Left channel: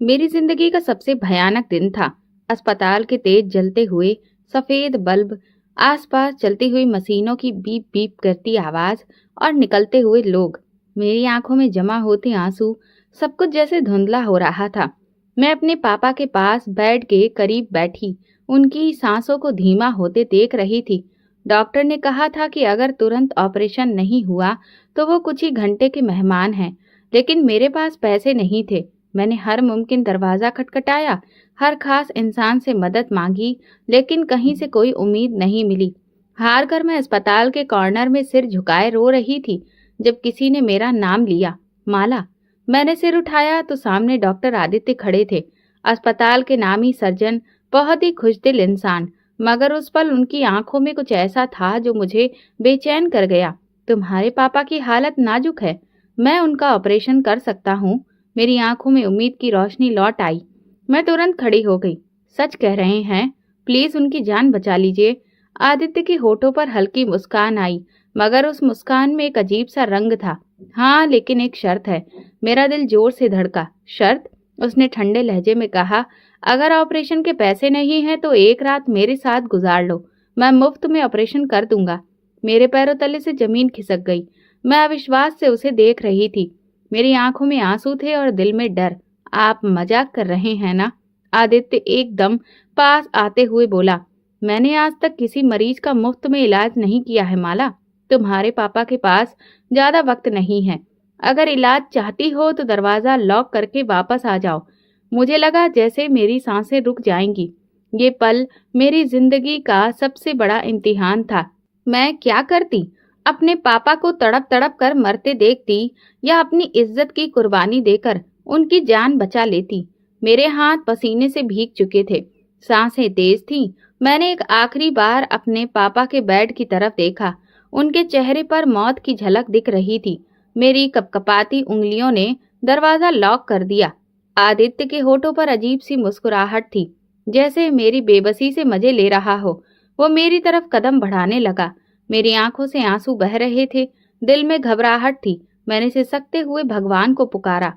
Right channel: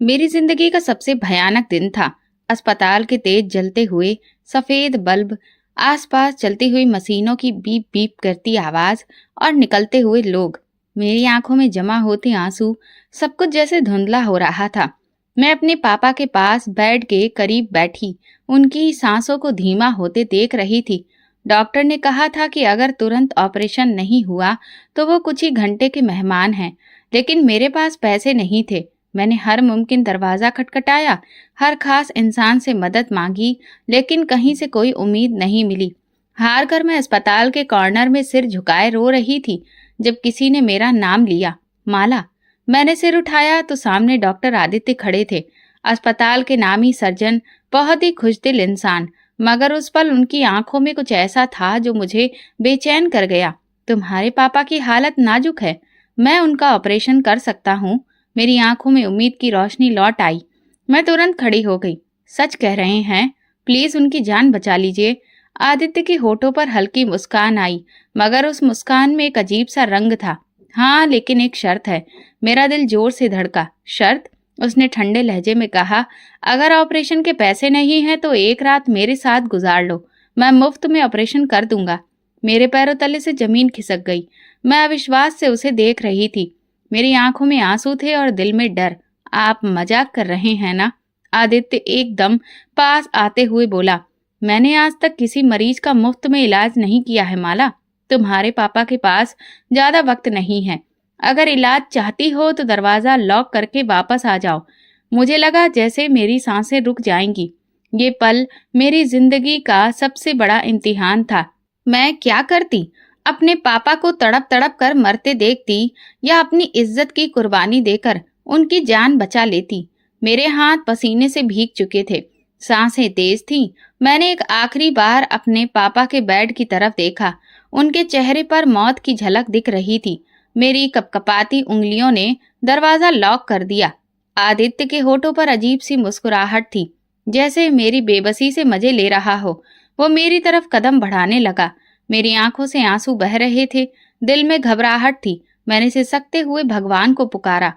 मेरी जिंदगी का सबसे भयानक दिन था। अस्पताल के तेज जलते हुए सफेद बल्ब, आसपास चलती हुई मशीनों की बीप बीप करती आवाज और निकलते हुए लोग, मेरी आंखों में जमा होते आंसू, सब कुछ जैसे धुंधला हो रहा था। मैं अपने पापा के पास बेड के करीब बैठी उनकी सांसों को धीमा होते देख रही थी। डॉक्टर ने कहा था कि अगर तुरंत ऑपरेशन नहीं हुआ तो वो कुछ ही घंटे के मेहमान हैं, लेकिन मेरे पास पैसे नहीं थे। मैंने हर मुमकिन दरवाज़ा खटखटाया, हर खास इंसान से मदद मांगी, लेकिन कहीं से कोई उम्मीद नहीं मिली। हार कर मैं अस्पताल के कॉर्नर में सिर झुकाए रो रही थी जब किसी ने मेरा नाम लिया, माला। मैंने सिर उठाया तो सामने डॉक्टर आदित्य खड़े थे, अस्पताल के नामी सर्जन, बहुत ही खुशदिल इंसान। मगर उस पल उनकी आंखों में कुछ ऐसा था जो मुझे बेचैन कर गया। तुम्हारे पापा की हालत नाजुक है, मैं उनका ऑपरेशन कर सकता हूँ। मेरी आंखों में उम्मीद की रोशनी लौट आई। मैं तुरंत खड़ी हो गई। सच कह रहे हैं, प्लीज उनकी जान बचा लीजिए। आदित्य के होठों पर हल्की मुस्कान आई, मगर उस मुस्कान में एक अजीब सा रंग था। हाँ, लेकिन एक शर्त है। मेरा दिल जोर से धड़का। शर्त? उसने ठंडे लहजे में कहा, अगर ऑपरेशन के पैसे नहीं हैं तो एक रात मेरे साथ गुजार लो, मैं मुफ्त में ऑपरेशन कर दूंगा। मेरे पैरों तले से जमीन खिसक गई। मैं अविश्वास से उसे देख रही थी। मेरी आंखों में आंसू थे और दिल में डर। आप मजाक कर रहे हैं ना? आदित्य एकदम पास आते हुए बोला, मैंने आज तक किसी मरीज का मुफ्त में इलाज नहीं किया है माला। तुम्हारे पापा के पास ज्यादा वक्त नहीं है। अगर इलाज चाहती हो तो दरवाजा लॉक करके वापस आ जाओ। मुझे लगा जैसे मेरी सांसें रुक जाएंगी। ये पल मेरी जिंदगी का सबसे बड़ा इम्तिहान था। मैं क्या करती? अपने पापा को तड़प तड़प कर मरते देखती या अपनी इज्जत की कुर्बानी देकर उनकी जान बचा लेती? मेरे हाथ पसीने से भीग चुके थे, सांसें तेज थीं। मैंने एक आखिरी बार अपने पापा के बेड की तरफ देखा। उनके चेहरे पर मौत की झलक दिख रही थी। मेरी कपकपाती उंगलियों ने दरवाजा लॉक कर दिया। आदित्य के होठों पर अजीब सी मुस्कुराहट थी, जैसे मेरी बेबसी से मजे ले रहा हो। वो मेरी तरफ कदम बढ़ाने लगा। मेरी आंखों से आंसू बह रहे थे, दिल में घबराहट थी। मैंने सिसकते हुए भगवान को पुकारा,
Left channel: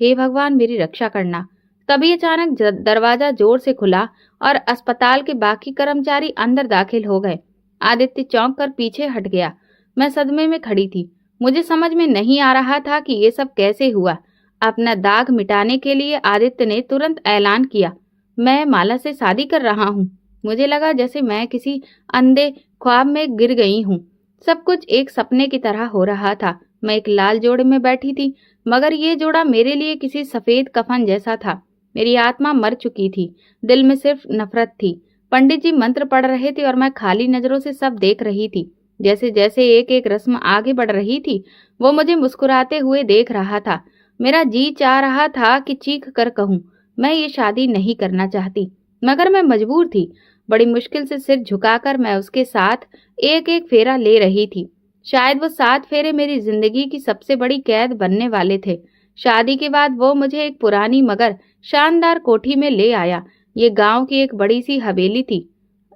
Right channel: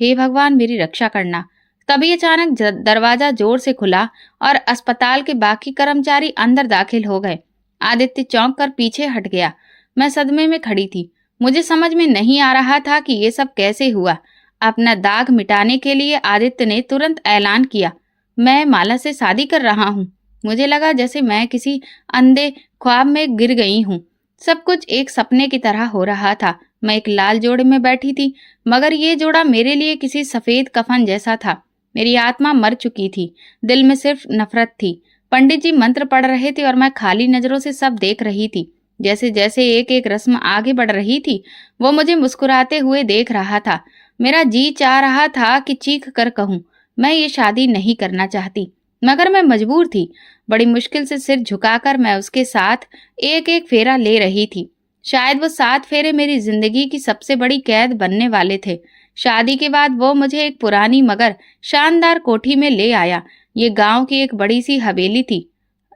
हे भगवान मेरी रक्षा करना। तभी अचानक दरवाजा जोर से खुला और अस्पताल के बाकी कर्मचारी अंदर दाखिल हो गए। आदित्य चौंक कर पीछे हट गया। मैं सदमे में खड़ी थी। मुझे समझ में नहीं आ रहा था कि ये सब कैसे हुआ। अपना दाग मिटाने के लिए आदित्य ने तुरंत ऐलान किया, मैं माला से शादी कर रहा हूँ। मुझे लगा जैसे मैं किसी अंधे ख्वाब में गिर गई हूँ। सब कुछ एक सपने की तरह हो रहा था। मैं एक लाल जोड़े में बैठी थी, मगर ये जोड़ा मेरे लिए किसी सफेद कफन जैसा था। मेरी आत्मा मर चुकी थी, दिल में सिर्फ नफरत थी। पंडित जी मंत्र पढ़ रहे थे और मैं खाली नजरों से सब देख रही थी। जैसे जैसे एक एक रस्म आगे बढ़ रही थी, वो मुझे मुस्कुराते हुए देख रहा था। मेरा जी चाह रहा था कि चीख कर कहूँ, मैं ये शादी नहीं करना चाहती, मगर मैं मजबूर थी। बड़ी मुश्किल से सिर झुकाकर मैं उसके साथ एक एक फेरा ले रही थी। शायद वो 7 फेरे मेरी जिंदगी की सबसे बड़ी कैद बनने वाले थे। शादी के बाद वो मुझे एक पुरानी मगर शानदार कोठी में ले आया। ये गांव की एक बड़ी सी हवेली थी।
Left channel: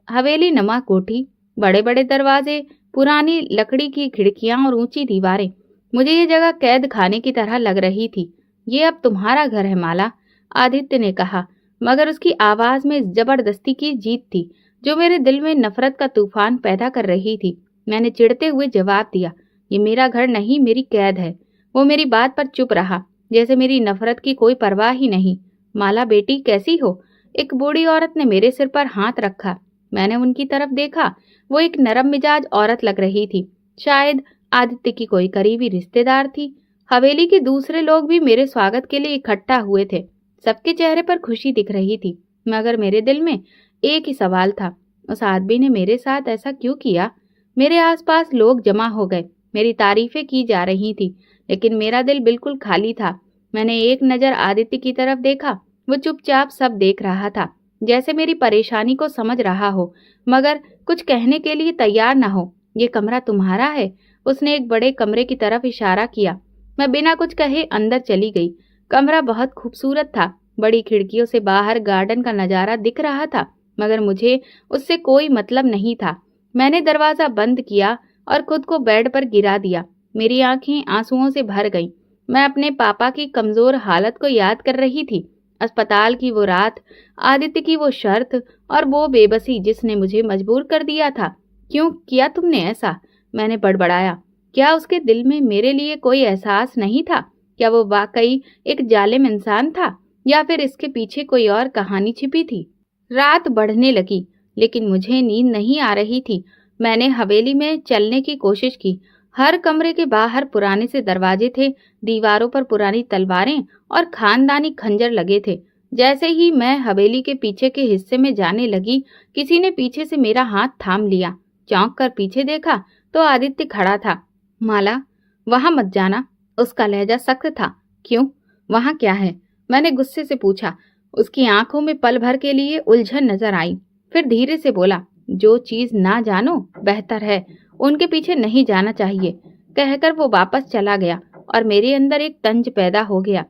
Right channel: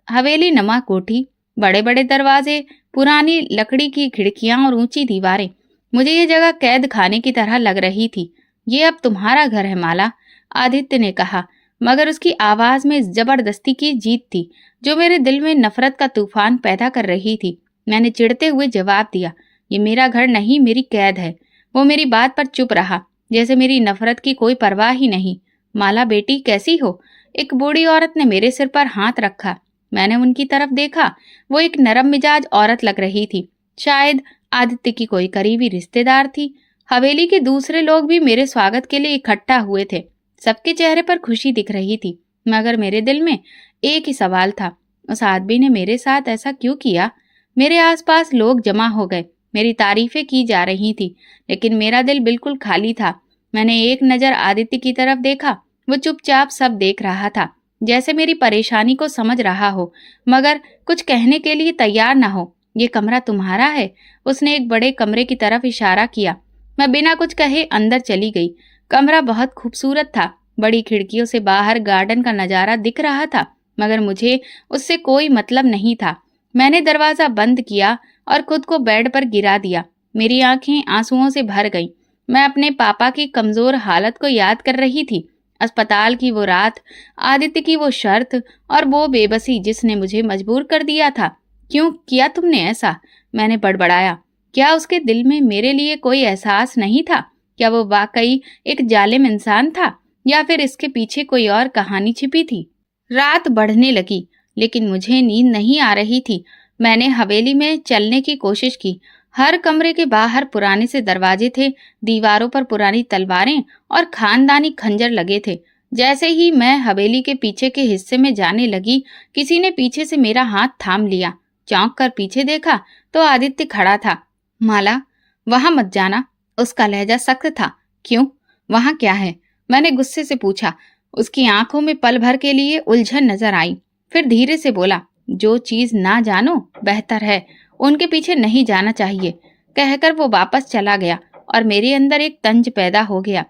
हवेली नमा कोठी, बड़े बड़े दरवाजे, पुरानी लकड़ी की खिड़कियां और ऊंची दीवारें। मुझे ये जगह कैद खाने की तरह लग रही थी। ये अब तुम्हारा घर है माला, आदित्य ने कहा, मगर उसकी आवाज में जबरदस्ती की जीत थी जो मेरे दिल में नफरत का तूफान पैदा कर रही थी। मैंने चिढ़ते हुए जवाब दिया, ये मेरा घर नहीं, मेरी कैद है। वो मेरी बात पर चुप रहा, जैसे मेरी नफरत की कोई परवाह ही नहीं। माला बेटी कैसी हो? एक बूढ़ी औरत ने मेरे सिर पर हाथ रखा। मैंने उनकी तरफ देखा। वो एक नरम मिजाज औरत लग रही थी, शायद आदित्य की कोई करीबी रिश्तेदार थी। हवेली के दूसरे लोग भी मेरे स्वागत के लिए इकट्ठा हुए थे। सबके चेहरे पर खुशी दिख रही थी, मगर मेरे दिल में एक ही सवाल था, उस आदमी ने मेरे साथ ऐसा क्यों किया? मेरे आसपास लोग जमा हो गए, मेरी तारीफें की जा रही थी, लेकिन मेरा दिल बिल्कुल खाली था। मैंने एक नज़र आदित्य की तरफ देखा। वो चुपचाप सब देख रहा था, जैसे मेरी परेशानी को समझ रहा हो, मगर कुछ कहने के लिए तैयार ना हो। ये कमरा तुम्हारा है? उसने एक बड़े कमरे की तरफ इशारा किया। मैं बिना कुछ कहे अंदर चली गई। कमरा बहुत खूबसूरत था। बड़ी खिड़कियों से बाहर गार्डन का नज़ारा दिख रहा था, मगर मुझे उससे कोई मतलब नहीं था। मैंने दरवाज़ा बंद किया और खुद को बेड पर गिरा दिया। मेरी आंखें आंसुओं से भर गईं। मैं अपने पापा की कमज़ोर हालत को याद कर रही थी। अस्पताल की वो रात, आदित्य की वो शर्त और वो बेबसी जिसने मुझे मजबूर कर दिया था। क्यों किया तुमने ऐसा? मैंने बड़बड़ाया। क्या उसके दिल में मेरे लिए कोई एहसास नहीं था? क्या वो वाकई एक जालिम इंसान था या फिर इसके पीछे कोई और कहानी छिपी थी? रात बढ़ने लगी लेकिन मुझे नींद नहीं आ रही थी। मैंने हवेली में चलने की कोशिश की। हर कमरे के बाहर पुराने से दरवाजे थे, दीवारों पर पुरानी तलवारें और खानदानी खंजर लगे थे। जैसे ही मैं हवेली के पीछे के हिस्से में जाने लगी, किसी ने पीछे से मेरा हाथ थाम लिया। चौंक कर पीछे देखा तो आदित्य खड़ा था। माला, वहां मत जाना। उसका लहजा सख्त था। क्यों? वहां क्या है? मैंने गुस्से से पूछा। उसकी आंखों में पल भर के लिए उलझन नजर आई। फिर धीरे से बोला, जो चीज ना जानो बेहतर है उनके पीछे नहीं जाना चाहिए। कहकर वो वापस चला गया और मेरे अंदर एक तंज पैदा हो गया।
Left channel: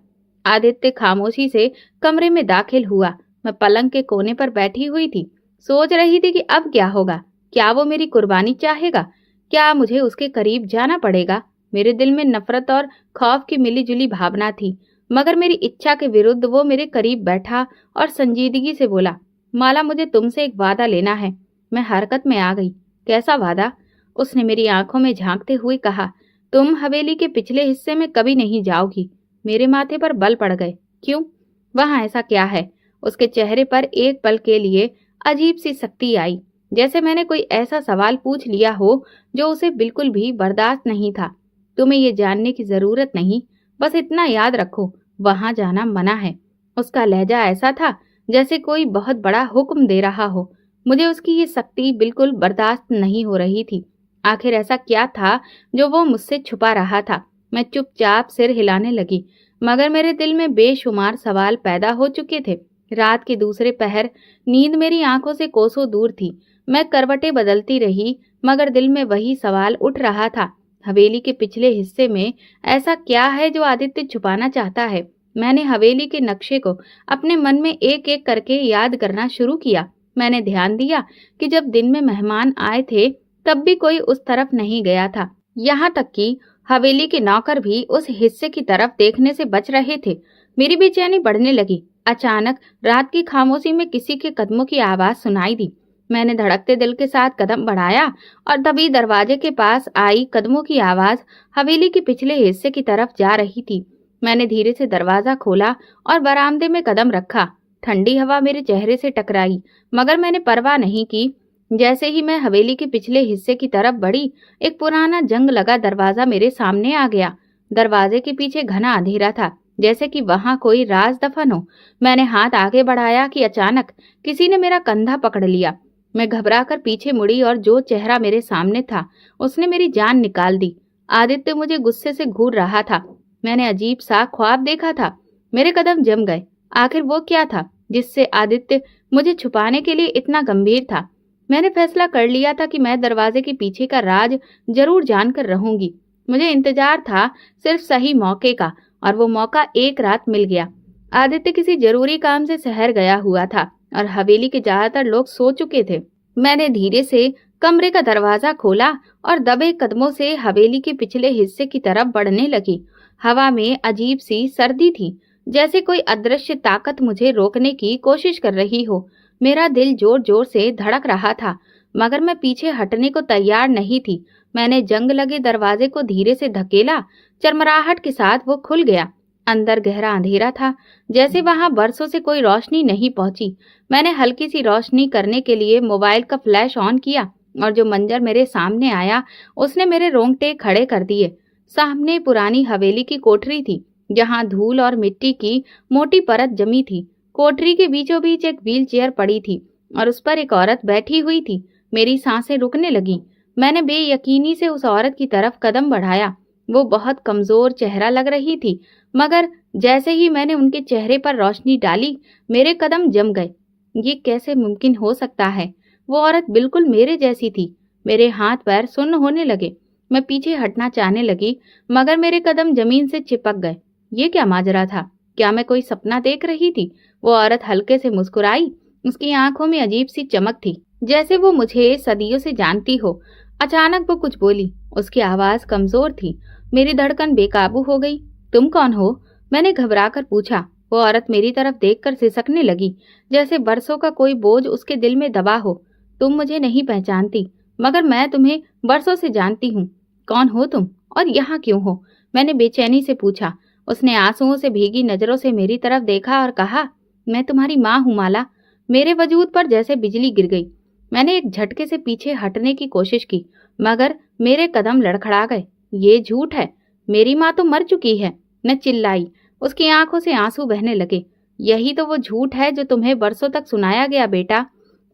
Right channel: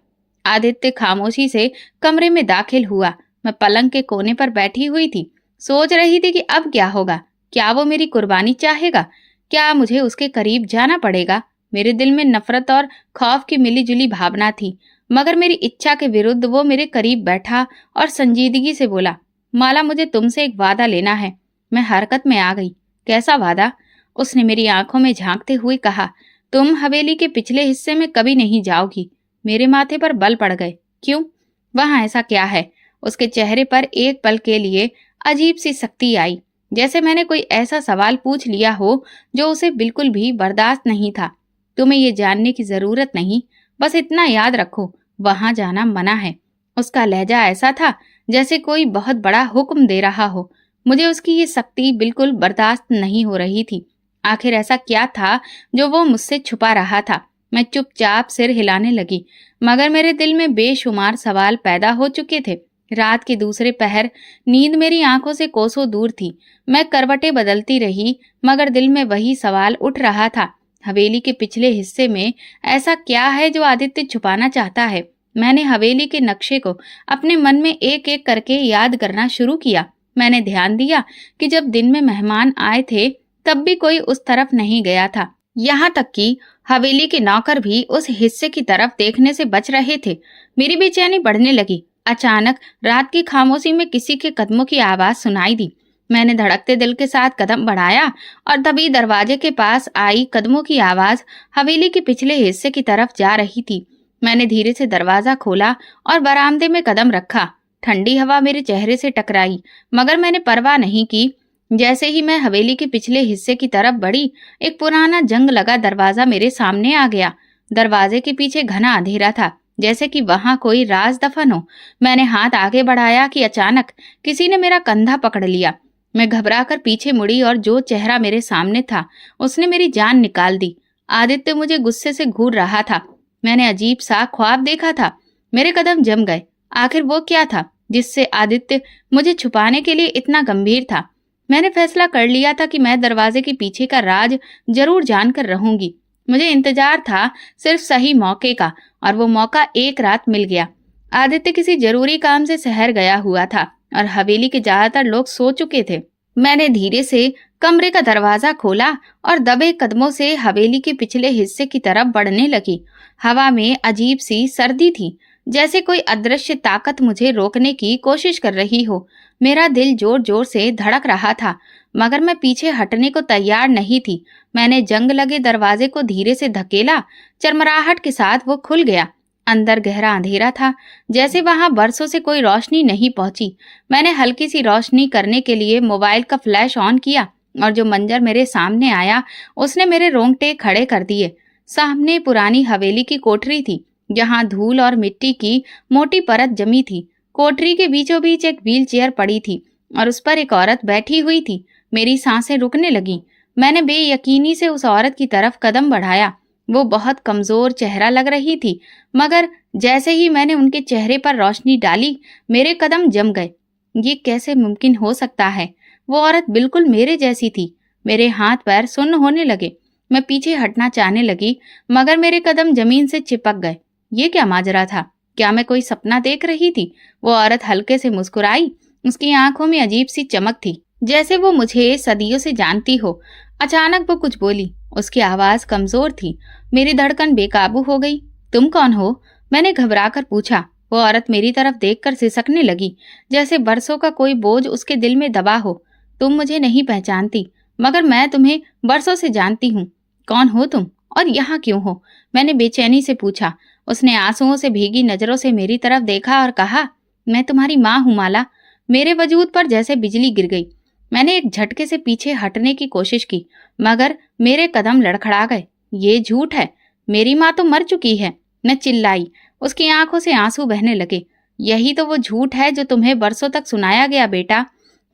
आदित्य खामोशी से कमरे में दाखिल हुआ। मैं पलंग के कोने पर बैठी हुई थी। सोच रही थी कि अब क्या होगा। क्या वो मेरी कुर्बानी चाहेगा? क्या मुझे उसके करीब जाना पड़ेगा? मेरे दिल में नफरत और खौफ की मिलीजुली भावना थी, मगर मेरी इच्छा के विरुद्ध वो मेरे करीब बैठा और संजीदगी से बोला, माला, मुझे तुमसे एक वादा लेना है। मैं हरकत में आ गई। कैसा वादा? उसने मेरी आंखों में झांकते हुए कहा, तुम हवेली के पिछले हिस्से में कभी नहीं जाओगी। मेरे माथे पर बल पड़ गए। क्यों? वहां ऐसा क्या है? उसके चेहरे पर एक पल के लिए अजीब सी सख्ती आई, जैसे मैंने कोई ऐसा सवाल पूछ लिया हो जो उसे बिल्कुल भी बर्दाश्त नहीं था। तुम्हें ये जानने की जरूरत नहीं, बस इतना याद रखो, वहां जाना मना है। उसका लहजा ऐसा था जैसे कोई बहुत बड़ा हुक्म दे रहा हो। मुझे उसकी ये सख्ती बिल्कुल बर्दाश्त नहीं हो रही थी। आखिर ऐसा क्या था जो वो मुझसे छुपा रहा था? मैं चुपचाप सिर हिलाने लगी, मगर मेरे दिल में बेशुमार सवाल पैदा हो चुके थे। रात के दूसरे पहर नींद मेरी आंखों से कोसों दूर थी। मैं करवटें बदलती रही, मगर दिल में वही सवाल उठ रहा था। हवेली के पिछले हिस्से में ऐसा क्या है जो आदित्य छुपाना चाहता है? मैंने हवेली के नक्शे को अपने मन में एक एक करके याद करना शुरू किया। मैंने ध्यान दिया कि जब दिन में मेहमान आए थे तब भी कोई उस तरफ नहीं गया था। यहाँ तक कि हवेली के नौकर भी उस हिस्से की तरफ देखने से बच रहे थे। मेरी बेचैनी बढ़ने लगी। अचानक रात की खामोशी में किसी के कदमों की आवाज सुनाई दी। मैंने धड़कते दिल के साथ कदम बढ़ाया और तभी दरवाजे के पास आई कदमों की आवाज हवेली के पिछले हिस्से की तरफ जा रही थी। मैंने धीरे से दरवाजा खोला और बरामदे में कदम रखा। ठंडी हवा मेरे चेहरे से टकराई, मगर मैंने परवाह नहीं की। जैसे ही मैं हवेली के पिछले हिस्से की तरफ बढ़ी, एक पुराना जंग लगा दरवाजा मेरे सामने आ गया। दरवाजे के पीछे घना अंधेरा था, जैसे कि वहां कोई राज दफन हो। मैंने हाथ आगे बढ़ाया कि अचानक किसी ने मेरा कंधा पकड़ लिया। मैं घबराकर पीछे मुड़ी और जो चेहरा मेरे सामने था उसने मेरी जान निकाल दी। आदित्य मुझे गुस्से से घूर रहा था। मैंने अजीब सा ख्वाब देखा था। मेरे कदम जम गए। आखिर वो क्या था जिससे आदित्य मुझे छुपाने के लिए इतना गंभीर था? मैंने फैसला कर लिया था कि मैं दरवाजे के पीछे का राज जरूर जानकर रहूंगी। मुझे इंतजार था सिर्फ सही मौके का, और वो मौका एक रात मिल गया। आदित्य किसी जरूरी काम से शहर गया हुआ था और हवेली के ज्यादातर लोग सो चुके थे। मैंने धीरे से कमरे का दरवाजा खोला और दबे कदमों से हवेली के पिछले हिस्से की तरफ बढ़ने लगी। हवा में अजीब सी सर्दी थी, जैसे कोई अदृश्य ताकत मुझे रोकने की कोशिश कर रही हो। मेरा दिल जोर जोर से धड़क रहा था, मगर मैं पीछे हटने को तैयार नहीं थी। मैंने जंग लगे दरवाजे को धीरे से धकेला। चरमराहट के साथ वो खुल गया। अंदर गहरा अंधेरा था, जैसे वहां बरसों से कोई रोशनी नहीं पहुंची। मैंने हल्की सी रोशनी करने के लिए मोबाइल का फ्लैश ऑन किया और जो मंजर मेरे सामने आया उसने मेरे रोंगटे खड़े कर दिए। सामने पुरानी हवेली की कोठरी थी, जहां धूल और मिट्टी की मोटी परत जमी थी। कोठरी के बीचों बीच एक व्हील चेयर पड़ी थी और उस पर एक औरत बैठी हुई थी। मेरी सांसें रुकने लगी। मैंने बेयकीनी से उस औरत की तरफ कदम बढ़ाया। वो बहुत कमजोर चेहरा लग रही थी, मगर जैसे ही मैंने उनके चेहरे पर रोशनी डाली, मेरे कदम जम गए। ये कैसे मुमकिन हो सकता है? वो औरत बिल्कुल मेरे जैसी थी। मेरे हाथ पैर सुन्न होने लगे। मैं पीछे हटना चाहने लगी, मगर मेरे कदम जमीन से चिपक गए। ये क्या माजरा था? क्या मैं कोई सपना देख रही थी? वो औरत हल्के से मुस्कुराई। उसकी आंखों में अजीब सी चमक थी, जैसे वो मुझे सदियों से जानती हो। अचानक वो कुछ बोली। उसकी आवाज कमजोर थी। मेरी धड़कन बेकाबू हो गई। तुम कौन हो? मैंने घबरा कर पूछा। वो औरत मेरी तरफ देखकर सिसकने लगी, जैसे बरसों का कोई बोझ उसके दिल में दबा हो। तुम मुझे नहीं पहचानती, मगर मैं तुम्हें बरसों से जानती हूँ। कौन हो तुम और यहाँ क्यों हो? मैंने बेचैनी से पूछा। उसने आंसुओं से भीगी नजरों से मेरी तरफ देखा और कहा, मैं तुम्हारी माँ हूँ माला। मेरे वजूद पर जैसे बिजली गिर गई। मैंने एक झटके से पीछे हटने की कोशिश की, मगर मेरे कदम लड़खड़ा गए। ये झूठ है, मेरी माँ तो मर चुकी है। मैं चिल्लाई। उसकी आंखों से आंसू बहने लगे। यही तो वो झूठ है जो तुम्हें बरसों तक सुनाया गया बेटा।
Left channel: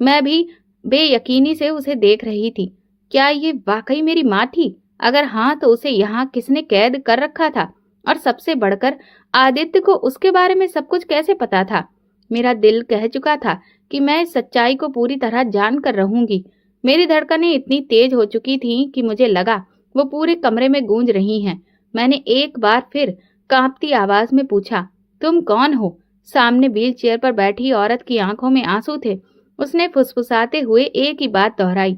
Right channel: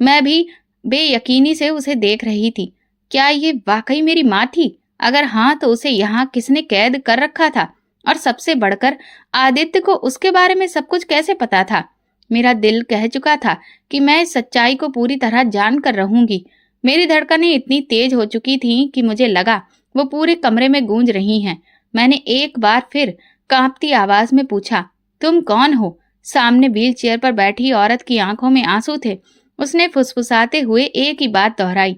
मैं भी बेयकीनी से उसे देख रही थी। क्या ये वाकई मेरी माँ थी? अगर हाँ, तो उसे यहाँ किसने कैद कर रखा था? और सबसे बढ़कर आदित्य को उसके बारे में सब कुछ कैसे पता था? मेरा दिल कह चुका था कि मैं इस सच्चाई को पूरी तरह जान कर रहूंगी। मेरी धड़कनें इतनी तेज हो चुकी थीं कि मुझे लगा वो पूरे कमरे में गूंज रही हैं। मैंने एक बार फिर कांपती आवाज में पूछा, तुम कौन हो? सामने व्हील चेयर पर बैठी औरत की आंखों में आंसू थे। उसने फुसफुसाते हुए एक ही बात दोहराई,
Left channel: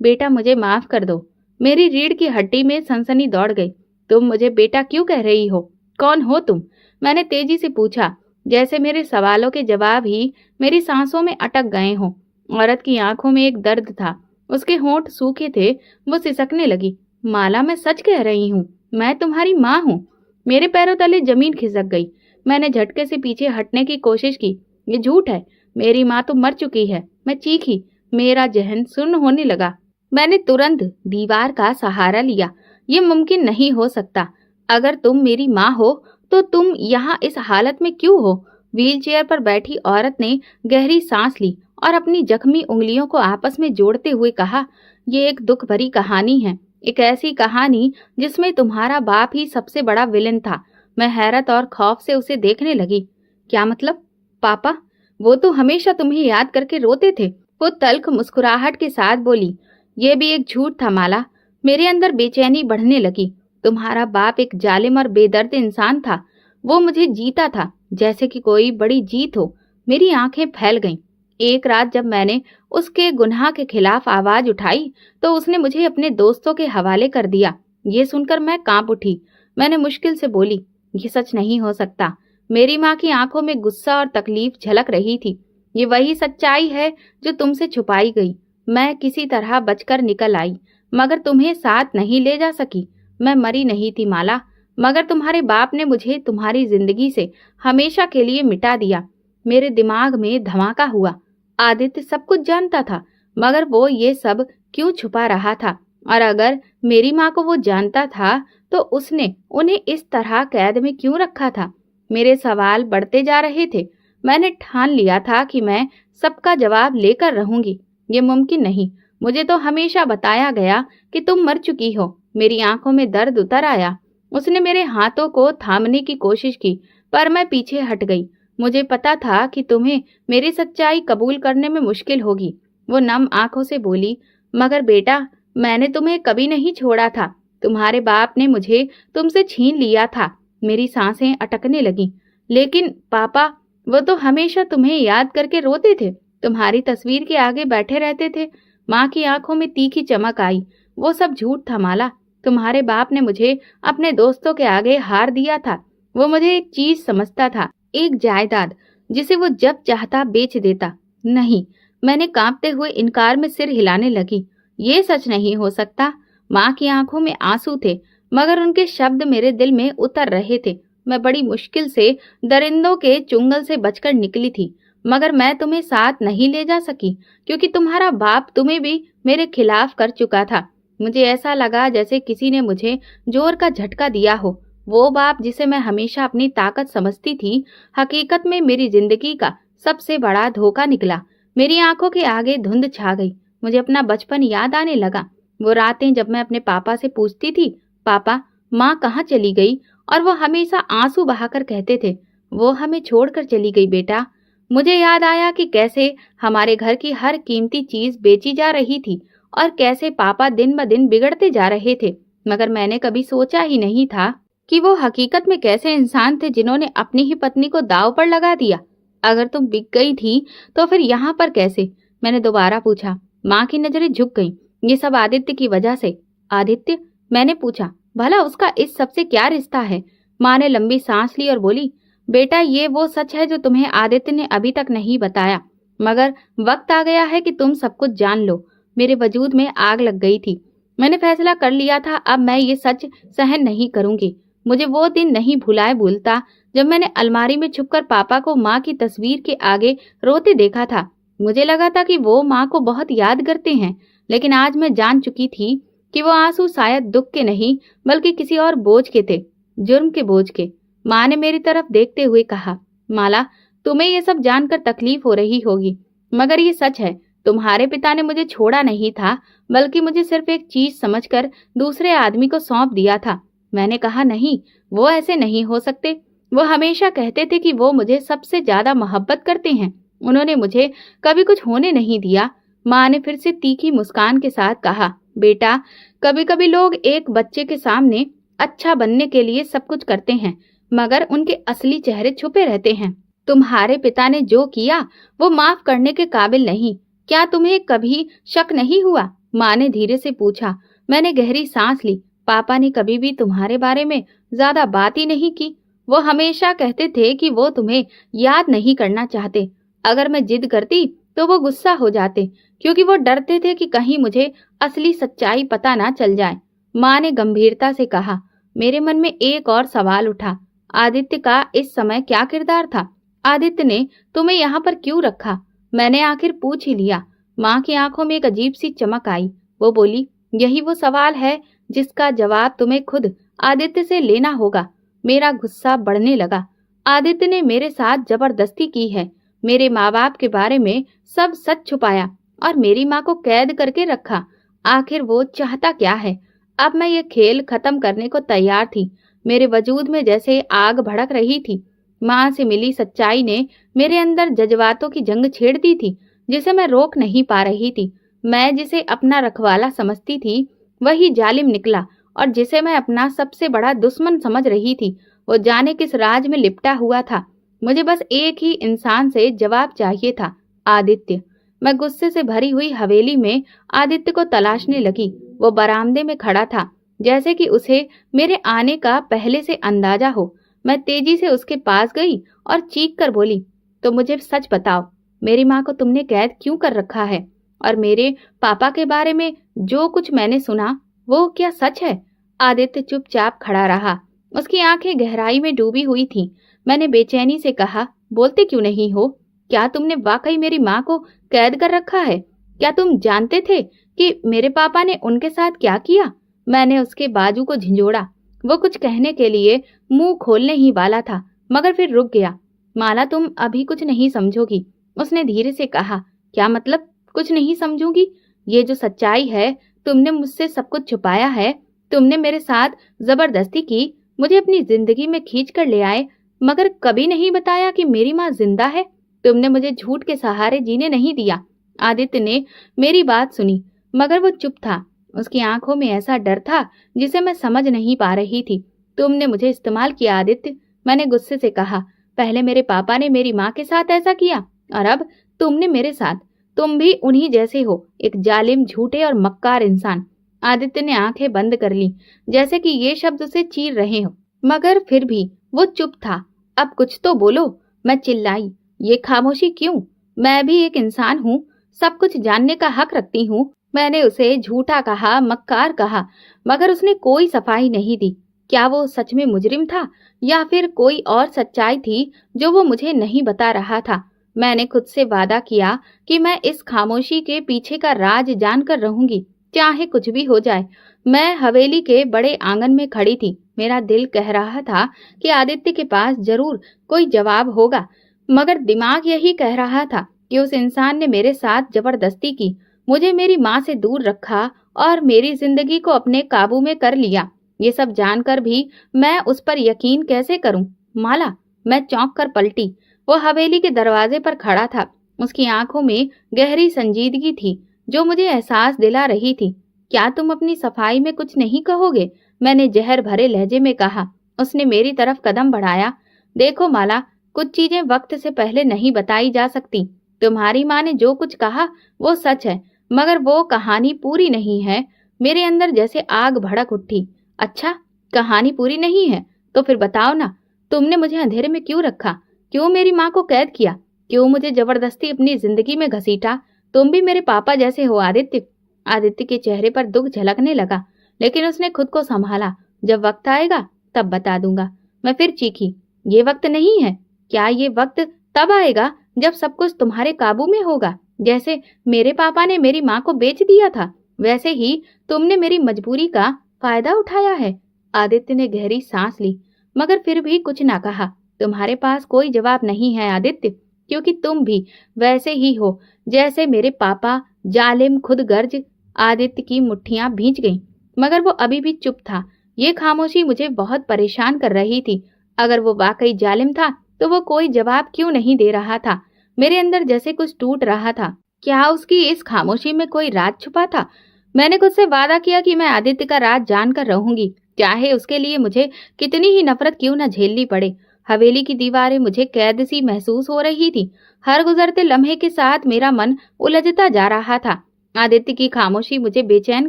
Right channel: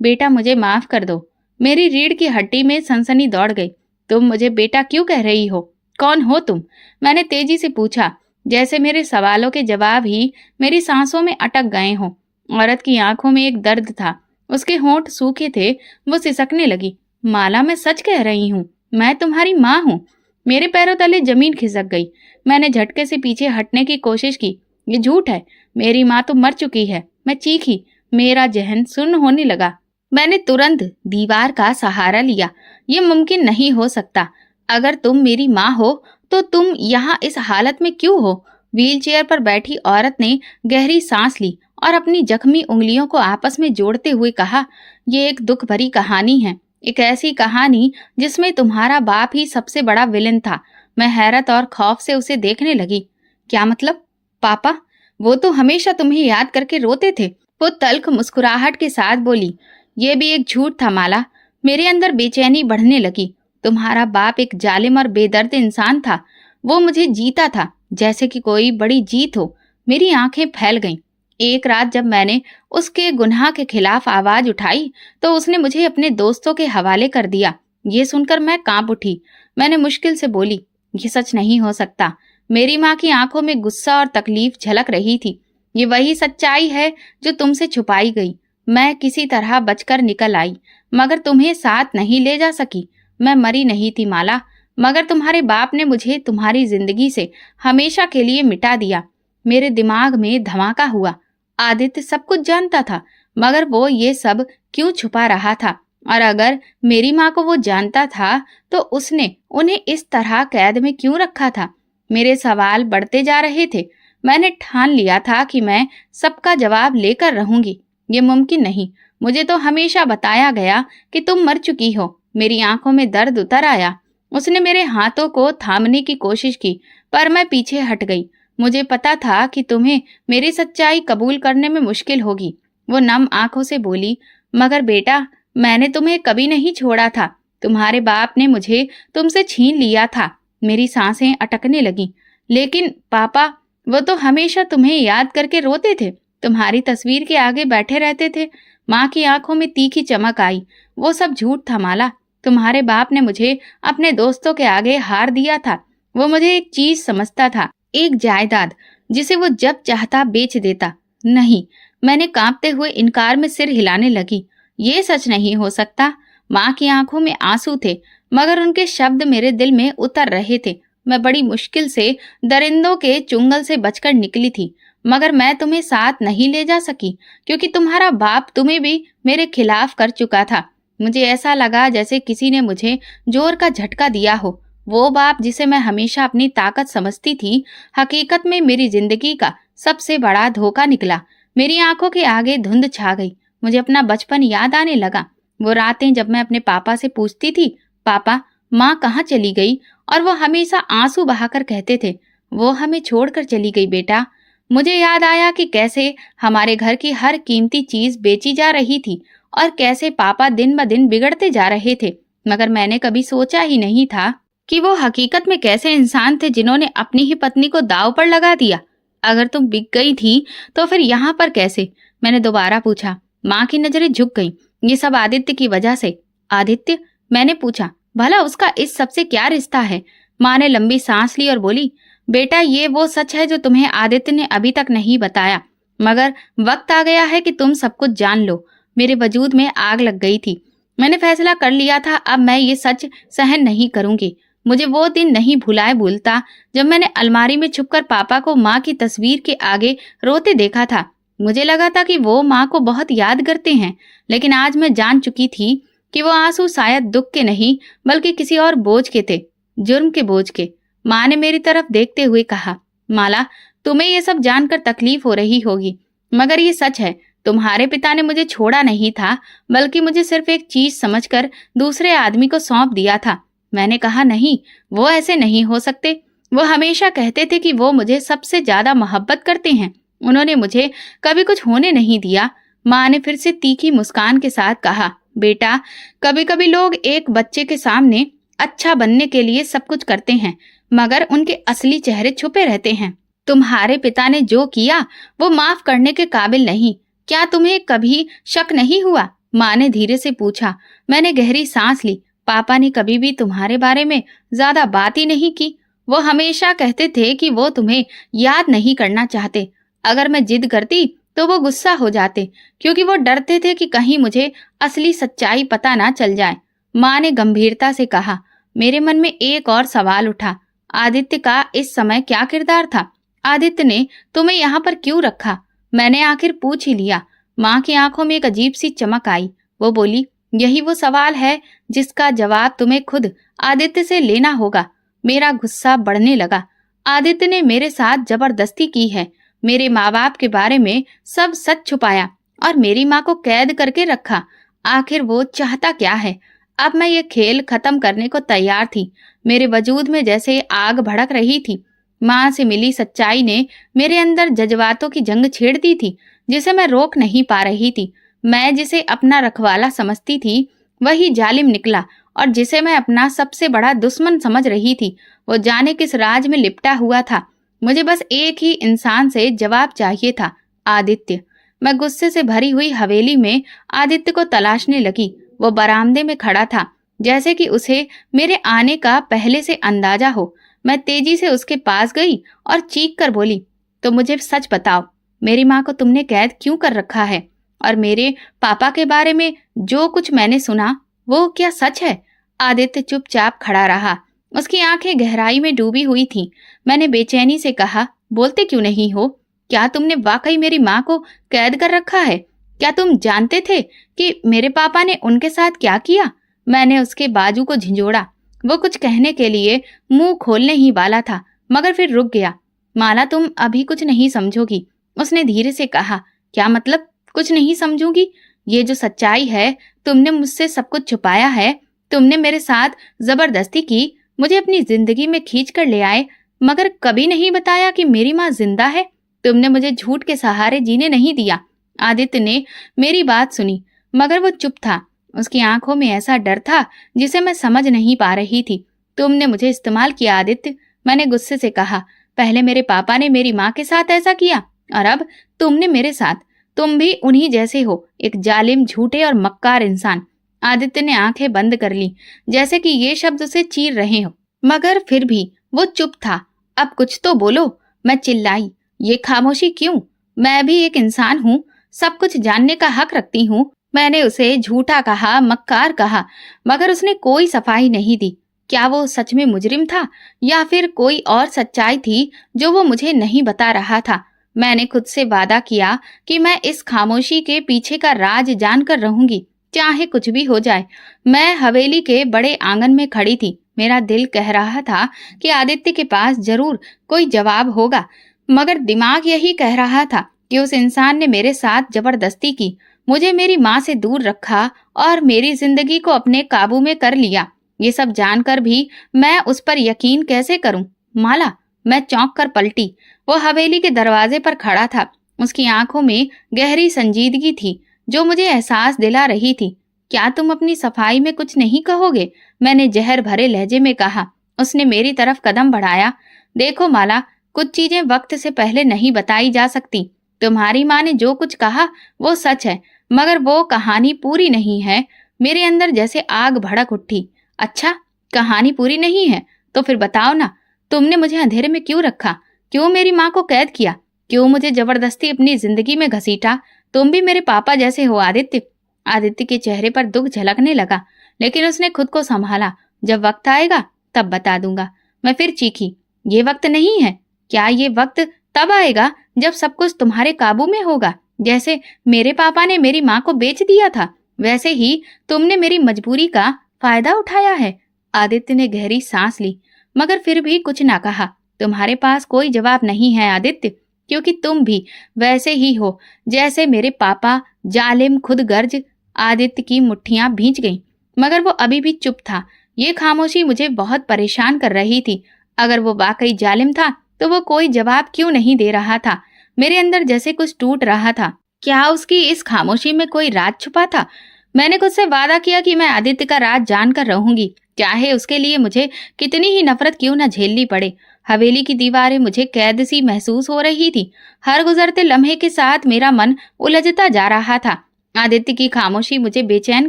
बेटा मुझे माफ कर दो। मेरी रीढ़ की हड्डी में सनसनी दौड़ गई। तुम मुझे बेटा क्यों कह रही हो? कौन हो तुम? मैंने तेजी से पूछा, जैसे मेरे सवालों के जवाब ही मेरी सांसों में अटक गए हों। औरत की आंखों में एक दर्द था, उसके होंठ सूखे थे। वो सिसकने लगी, माला मैं सच कह रही हूँ, मैं तुम्हारी माँ हूँ। मेरे पैरों तले जमीन खिसक गई। मैंने झटके से पीछे हटने की कोशिश की। ये झूठ है, मेरी माँ तो मर चुकी है। मैं चीखी। मेरा जहन सुन्न होने लगा। मैंने तुरंत दीवार का सहारा लिया। ये मुमकिन नहीं हो सकता। अगर तुम मेरी माँ हो तो तुम यहाँ इस हालत में क्यों हो? व्हीलचेयर पर बैठी औरत ने गहरी सांस ली और अपनी जख्मी उंगलियों को आपस में जोड़ते हुए कहा, ये एक दुख भरी कहानी है। एक ऐसी कहानी जिसमें तुम्हारा बाप ही सबसे बड़ा विलेन था। मैं हैरत और खौफ से उसे देखने लगी। क्या मतलब? पापा? वो तो हमेशा तुम्हें याद करके रोते थे। वो तल्ख मुस्कुराहट के साथ बोली, ये भी एक झूठ था माला। मेरे अंदर बेचैनी बढ़ने लगी। तुम्हारा बाप एक जालिम और बेदर्द इंसान था। वो मुझे जीता था, जैसे कि कोई बड़ी जीत हो। मेरी आंखें फैल गईं। एक रात जब मैंने उसके गुनाह के खिलाफ आवाज उठाई तो उसने मुझे अपने दोस्तों के हवाले कर दिया। ये सुनकर मैं कांप उठी। मैंने मुश्किल से बोली, ये सच नहीं हो सकता। मेरी माँ की आंखों में गुस्सा और तकलीफ झलक रही थी। ये वही सच्चाई है जो तुमसे छुपाई गई। मैं किसी तरह बचकर निकल आई, मगर तुम्हें साथ नहीं ले जा सकी। मैं मरी नहीं थी माला, मगर तुम्हारे बाप ने मुझे तुम्हारी जिंदगी से हमेशा के लिए मिटा दिया। मेरे दिमाग में धमाका हुआ। आदित्य सब कुछ जानता था, मगर वो ये सब क्यों छुपा रहा था? और अगर मेरी माँ को वो जानता था तो उसने उन्हें इस तरह कैद में क्यों रखा था? मेरे सवाल बढ़ते जा रहे थे। मैंने ठान लिया था कि मैं सबका जवाब लेकर रहूंगी। ये मुमकिन नहीं। मुझे तो हमेशा बताया गया कि तुम मर चुकी हो। मेरी आंखों में दर्द उतर आया। उसने मेरे हाथों को थामने की कोशिश की, पर मैं पीछे हट गई। मुझे पता था कि तुम्हें मेरी सच्चाई कबूल करने में मुश्किल होगी। वो नम आंखों से बोली, मगर बेटा, मैंने तुम्हें कभी नहीं छोड़ा था। तुम्हारे बाप ने मुझे तुमसे छीन लिया था। मेरी सांसें अटकने लगीं। लेकिन पापा, वो तो हमेशा तुम्हें याद करके रोते थे, तुम्हारी तस्वीर के आगे बैठे रहते थे। माँ की आंखों में तीखी चमक आई। वो सब झूठ था माला। तुम्हारे बाप ने मुझे अपने दोस्तों के आगे हार दिया था। वो मुझे एक चीज समझता था, एक जायदाद, जिसे वो जब चाहता बेच देता। नहीं, मैंने कांपते हुए इनकार में सिर हिलाने लगी। ये सच नहीं हो सकता। माँ की आंखों में आंसू थे, मगर उनके शब्द मेरे दिल में उतर रहे थे। मैं बड़ी मुश्किल से दरिंदों के चुंगल से बचकर निकली थी, मगर मैं तुम्हें साथ नहीं ले जा सकी, क्योंकि तुम्हारा बाप तुम्हें भी मेरे खिलाफ कर चुका था। मुझे ऐसा लगा जैसे किसी ने मुझे जोर का झटका दिया हो। वो बाप जिसे मैं हमेशा अपनी ताकत समझती थी, हकीकत में मेरी जिंदगी का सबसे बड़ा धोखा निकला। मेरी आंखों के आगे धुंध छा गई। मुझे अपना बचपन याद आने लगा। वो रातें जब मैं अपने पापा से पूछती थी, पापा, माँ कहाँ चली गई? और वो हमेशा आंसू बहाकर कहते थे, वो हमें छोड़कर चली गई बेटा। मुझे याद आया कि कैसे हमारे घर की हर कीमती चीज बेची जा रही थी और कैसे पापा दिन ब दिन बिगड़ते जा रहे थे। मगर मैंने कभी सोचा ही नहीं था कि वो हकीकत में कैसे इंसान थे जिन्होंने अपनी ही पत्नी को दांव पर लगा दिया। अगर तुम बिक गई थी तो फिर यहाँ पर कैसे? मैंने दोबारा पूछा। माँ की नजरें झुक गईं। ये सब आदित्य की वजह से। आदित्य? मैंने पूछा। भला उसका इस सब से क्या रिश्ता है? माँ ने लंबी सांस ली और बोली, बेटा, ये वो सच है जो तुम्हें आदित्य ने अभी तक नहीं बताया, मगर वक्त आ गया है कि तुम सब कुछ जान लो। मेरे वजूद में आग लग गई थी। मैंने फैसला कर लिया था, अब मैं ये सच सहन नहीं करूंगी। मुझे वो दिन नहीं भुलाए भूलता जब मैंने अलमारी में छुपकर पापा को माँ की तस्वीर के आगे रोते देखा था। मुझे लगा था कि वो माँ को बहुत याद करते हैं, लेकिन आज मैं जान चुकी थी कि वो आंसू शायद दुख के नहीं बल्कि किसी और बोझ के थे, जुर्म के बोझ के। माँ ने मेरी तरफ देखते हुए कहा, माला, तुम्हें ये सब जानकर तकलीफ हो रही होगी, मगर ये सच है, तुम्हारे पिता ने मुझे छोड़ा नहीं था, बल्कि मुझे सिर्फ एक चीज समझकर दूसरे आदमी को सौंप दिया था। मैंने कहा, नहीं, वो ऐसे नहीं हो सकते। वो हमेशा कहते थे कि वो मुझे सबसे ज्यादा मोहब्बत करते हैं। उन्होंने मुझे कभी कुछ होने नहीं दिया। माँ ने फिर से तीखी मुस्कान के साथ कहा, बेटा, कभी कभी लोग एक बच्चे के सामने अच्छा बनने के लिए सब कुछ करते हैं, मगर उनके असली चेहरे छुपे रहते हैं। तुम्हारे पिता ने जो किया वो माफ करने के काबिल नहीं। क्या तुम्हें कभी शक नहीं हुआ? माँ ने धीरे से पूछा। मैंने गहरी सांस ली। पापा ने कभी भी तुम्हारे बारे में ज्यादा बात ही नहीं की। वो हमेशा कहते थे कि वो तुम्हें याद नहीं करना चाहते। अगर मैं जिद करती तो वो गुस्सा हो जाते, क्योंकि वो डरते थे कि कहीं मुझे असली सच्चाई पता ना चल जाए। माँ ने गंभीरता से कहा। मेरे मन में एक और सवाल उठा, आदित्य का इस समय क्या किरदार था? आदित्य ने तुम्हें यहाँ पर क्यों रखा? मैंने आखिर पूछ ही लिया। माँ की आंखों में एक अजीब सी चमक आई। वो बोली, यही वो सवाल है जिसका जवाब तुम्हें खुद आदित्य से लेना होगा। मेरा गुस्सा बढ़ने लगा। आदित्य ने मेरे साथ जबरदस्ती की है, मेरे माँ बाप के बारे में सब सच छुपाया और मेरी माँ को कैद करके रखा। आखिर वो चाहता क्या है? अब मैं ये खेल खत्म करने को तैयार थी। मेरे वजूद में जैसे आग भड़क रही थी। माँ से मिली सच्चाई ने मेरे अंदर जज्बातों की जंग छेड़ दी थी, जिसे मैं रोक नहीं पा रही थी। मैं जिसे अपना रखवाला समझती थी, वही जालिम निकला, और जिसे मैं अपना सबसे बड़ा दुश्मन समझ रही थी, वो जाने किस राज में लिपटा हुआ था। मुझे बस एक ही इंसान से जवाब चाहिए था, आदित्य। मैं गुस्से से भरी हुई हवेली में आदित्य को तलाशने लगी। वो बरामदे में खड़ा था, जैसे कि उसे मेरे आने का पहले से अंदाजा हो। मैं तेजी से उसके पास गई और चीख कर बोली, तो मुझे सच बताओ, मेरी माँ को तुमने कैद क्यों कर रखा है? और मेरे पापा के बारे में जो कुछ मैंने सुना, वो क्या सच है? आदित्य चुपचाप खड़ा रहा। उसकी आंखें गहराई में डूबी हुई थीं। मैंने बेचैनी से कहा, बोलते क्यों नहीं हो? क्या तुमने वाकई मेरी माँ को कैद कर रखा है? क्या तुम जानते थे कि मेरे पापा ने उनके साथ क्या किया? मैंने उसके बाजू को झिंझोड़ा। वो कुछ कहने के लिए मुंह खोलने ही वाला था, मगर फिर रुक गया। माला, तुम अभी कुछ नहीं समझोगी, उसने धीरे से कहा। क्या मतलब कुछ नहीं समझूंगी? ये जो सच्चाई है, तुमने मुझसे सब कुछ छुपाया है, तुमने मेरे साथ जबरदस्ती की, मुझे अपनी जिंदगी में खींच कर ले आए, मगर कभी नहीं बताया कि मेरी माँ जिंदा है। तुमने मुझे झूठ के सहारे जीने नहीं दिया। आदित्य ने मेरी बात सुनी, मगर वो चुप था। उसकी आंखों में ऐसा डर था जिसे मैं समझ नहीं पा रही थी। तुमने मुझे इस्तेमाल किया आदित्य, मैंने गुस्से से कहा। पहले मेरे पापा ने मेरी माँ के साथ ऐसा किया, और अब तुमने मेरे साथ। तुम भी उन्हीं जैसे हो, एक जालिम, झूठे और मक्कार इंसान। आदित्य ने आंखें बंद कर ली, जैसे कि ये शब्द उसे चीर रहे हो, मगर फिर भी वो चुप था। अब कुछ तो बोलो, मैं चिल्लाई। ये खामोशी क्यों? मैं भी एक इंसान हूँ, सब कुछ जानने का हक रखती हूँ। मैंने उसे झूठा कहा, मक्कार कहा, मगर उसने कोई सफाई नहीं दी। क्या वो सच में मुजरिम था, या फिर कोई और सच्चाई थी जो वो मुझे नहीं बता रहा था? मैंने खुद से वादा किया कि मैं इस खामोशी के पीछे का राज जानकर रहूंगी, चाहे कुछ भी हो जाए। मैं हवेली के बड़े आंगन में खड़ी थी। मेरा दिल कह रहा था कि आदित्य के पास जरूर कोई जवाब होगा, मगर दिमाग यही कह रहा था कि उस इंसान ने मेरे साथ जबरदस्ती की, मुझे मेरी माँ से दूर रखा और मेरी जिंदगी को अपने काबू में कर लिया। ये सब जानकर भी मैं उस पर यकीन कैसे करूं? माला, मैं चौंक कर पलटी। वो हवेली के दरवाजे पर खड़ा था। उसकी आंखों में गहरी संजीदगी थी, जो मुझे एहसास दिला रही थी। क्या तुम अपनी सफाई में कुछ नहीं कहोगे? मैंने जहर भरे लहजे में कहा। उसने मेरी तरफ कदम बढ़ाया। देखो माला, कुछ चीजें वक्त से पहले नहीं बताई जा सकती। तुम्हारी माँ ने जो कुछ कहा वो सच है, मगर वो कहानी पूरी नहीं है। मेरे अंदर जैसे आग भड़क उठी। अच्छा, कहानी पूरी नहीं है तो फिर बताओ ना, तुमने मुझे अंधेरे में क्यों रखा? क्यों मेरी माँ को कैद किया? क्यों मुझे जबरदस्ती अपनी जिंदगी में घसीटा? तुम भी मेरे पापा जैसे हो आदित्य। आदित्य के चेहरे पर दुख झलकने लगा, लेकिन उसने खुद को संभाला। जब वक्त आएगा तब बता दूंगा। मैं फिर चीखी, ये वक्त नहीं है। क्या ये वक्त तब आएगा जब सब कुछ तुम्हारे काबू में होगा? जैसे मेरे पापा ने मेरी माँ को बेच दिया था, वैसे ही तुमने मेरी मजबूरी का फायदा उठाया है। आदित्य ने गहरी सांस ली, मगर फिर भी कुछ ना कहा। तुम्हारे पास कोई जवाब नहीं है आदित्य, क्योंकि तुम भी वैसे ही हो जैसे मेरे पापा, जालिम खुदगर्ज। आदित्य की मुट्ठियां भींच गईं, मगर वो अभी भी चुप था। ये खामोशी मुझे बहुत परेशान कर रही थी। अगर वो वाकई जालिम था तो वो कोई जवाब क्यों नहीं दे रहा था? मेरे अंदर जैसे कुछ टूट रहा था। क्या उसकी इस खामोशी में कोई राज छुपा था? मैंने खुद से वादा किया कि मैं आदित्य का राज जानकर रहूंगी, चाहे उसके लिए मुझे कितनी ही नफरत क्यों न झेलनी पड़े। हवेली की दीवारें मुझे कैद सी महसूस हो रही थी। हर गुजरते लम्हे के साथ मेरा मन उलझता जा रहा था। आदित्य की खामोशी मुझे बेचैन